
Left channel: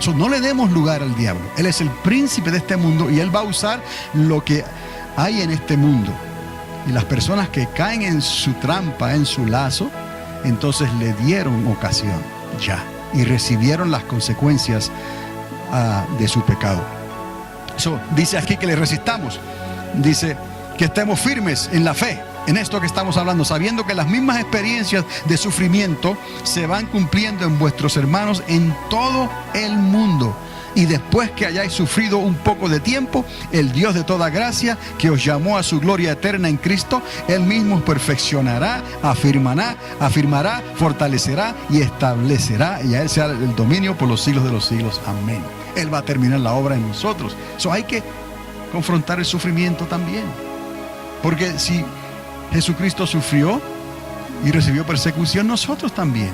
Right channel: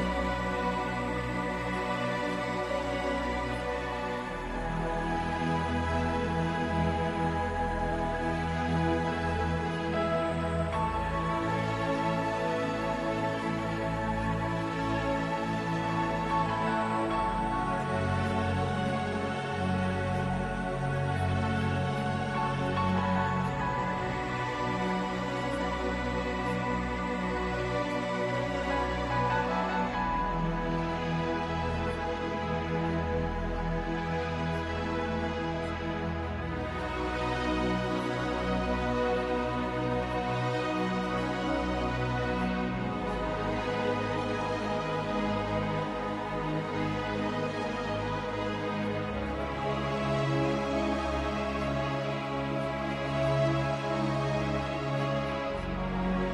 So, no le demos lugar al diablo. Él es el príncipe de este mundo y él va a usar lo que hay en este mundo. Y las personas que caen en su trampa, en su lazo, entonces le dieron ocasión ya y recibieron las consecuencias de su pecado. So, dice aquí que le resistamos. Dice que estemos firmes en la fe, en esto que estamos hablando, sabiendo que las mismas experiencias de sufrimiento se van cumpliendo en vuestros hermanos en todo el mundo. Y después que hayáis sufrido un poco de tiempo, el Dios de toda gracia, que os llamó a su gloria eterna en Cristo, Él mismo os perfeccionará, afirmará, fortalecerá y establecerá, y a Él sea el dominio por los siglos de los siglos. Amén. Él va a terminar la obra en nosotros. So, hay que confrontar el sufrimiento también. Porque si Jesucristo sufrió y recibió persecución, nosotros también.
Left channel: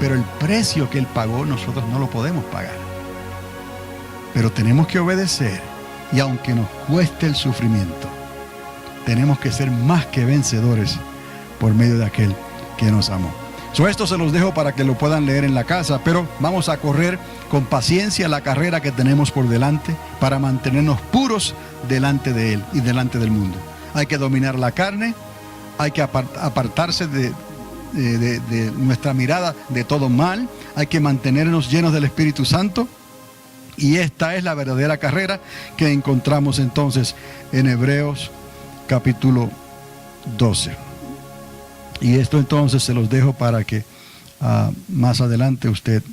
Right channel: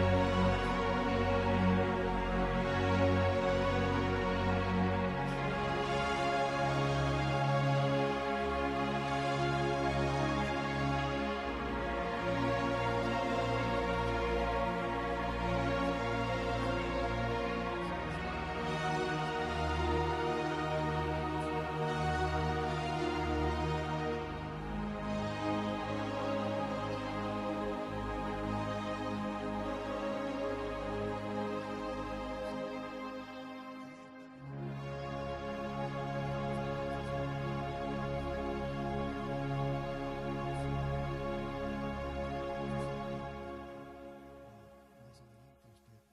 Pero el precio que Él pagó, nosotros no lo podemos pagar. Pero tenemos que obedecer. Y aunque nos cueste el sufrimiento, tenemos que ser más que vencedores por medio de aquel que nos amó. Esto se los dejo para que lo puedan leer en la casa, pero vamos a correr con paciencia la carrera que tenemos por delante para mantenernos puros delante de Él y delante del mundo. Hay que dominar la carne, hay que apartarse de nuestra mirada de todo mal, hay que mantenernos llenos del Espíritu Santo, y esta es la verdadera carrera que encontramos entonces en Hebreos capítulo 12. Y esto entonces se los dejo para que más adelante usted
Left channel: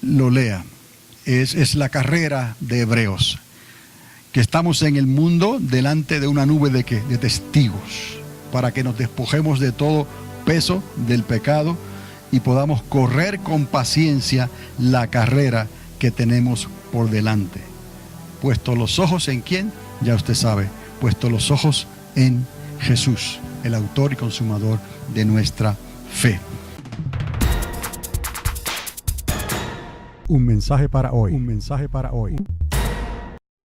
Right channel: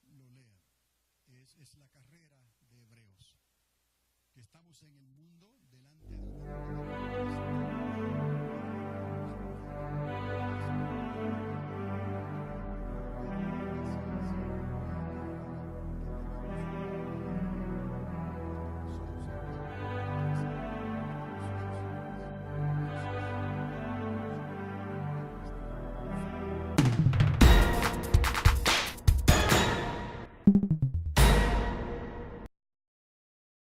lo lea. Es la carrera de Hebreos. que estamos en el mundo delante de una nube de ¿qué? De testigos, para que nos despojemos de todo peso del pecado y podamos correr con paciencia la carrera que tenemos por delante. Puesto los ojos en ¿quién? Ya usted sabe, puesto los ojos en Jesús, el autor y consumador de nuestra fe. Un mensaje para hoy. Un mensaje para hoy.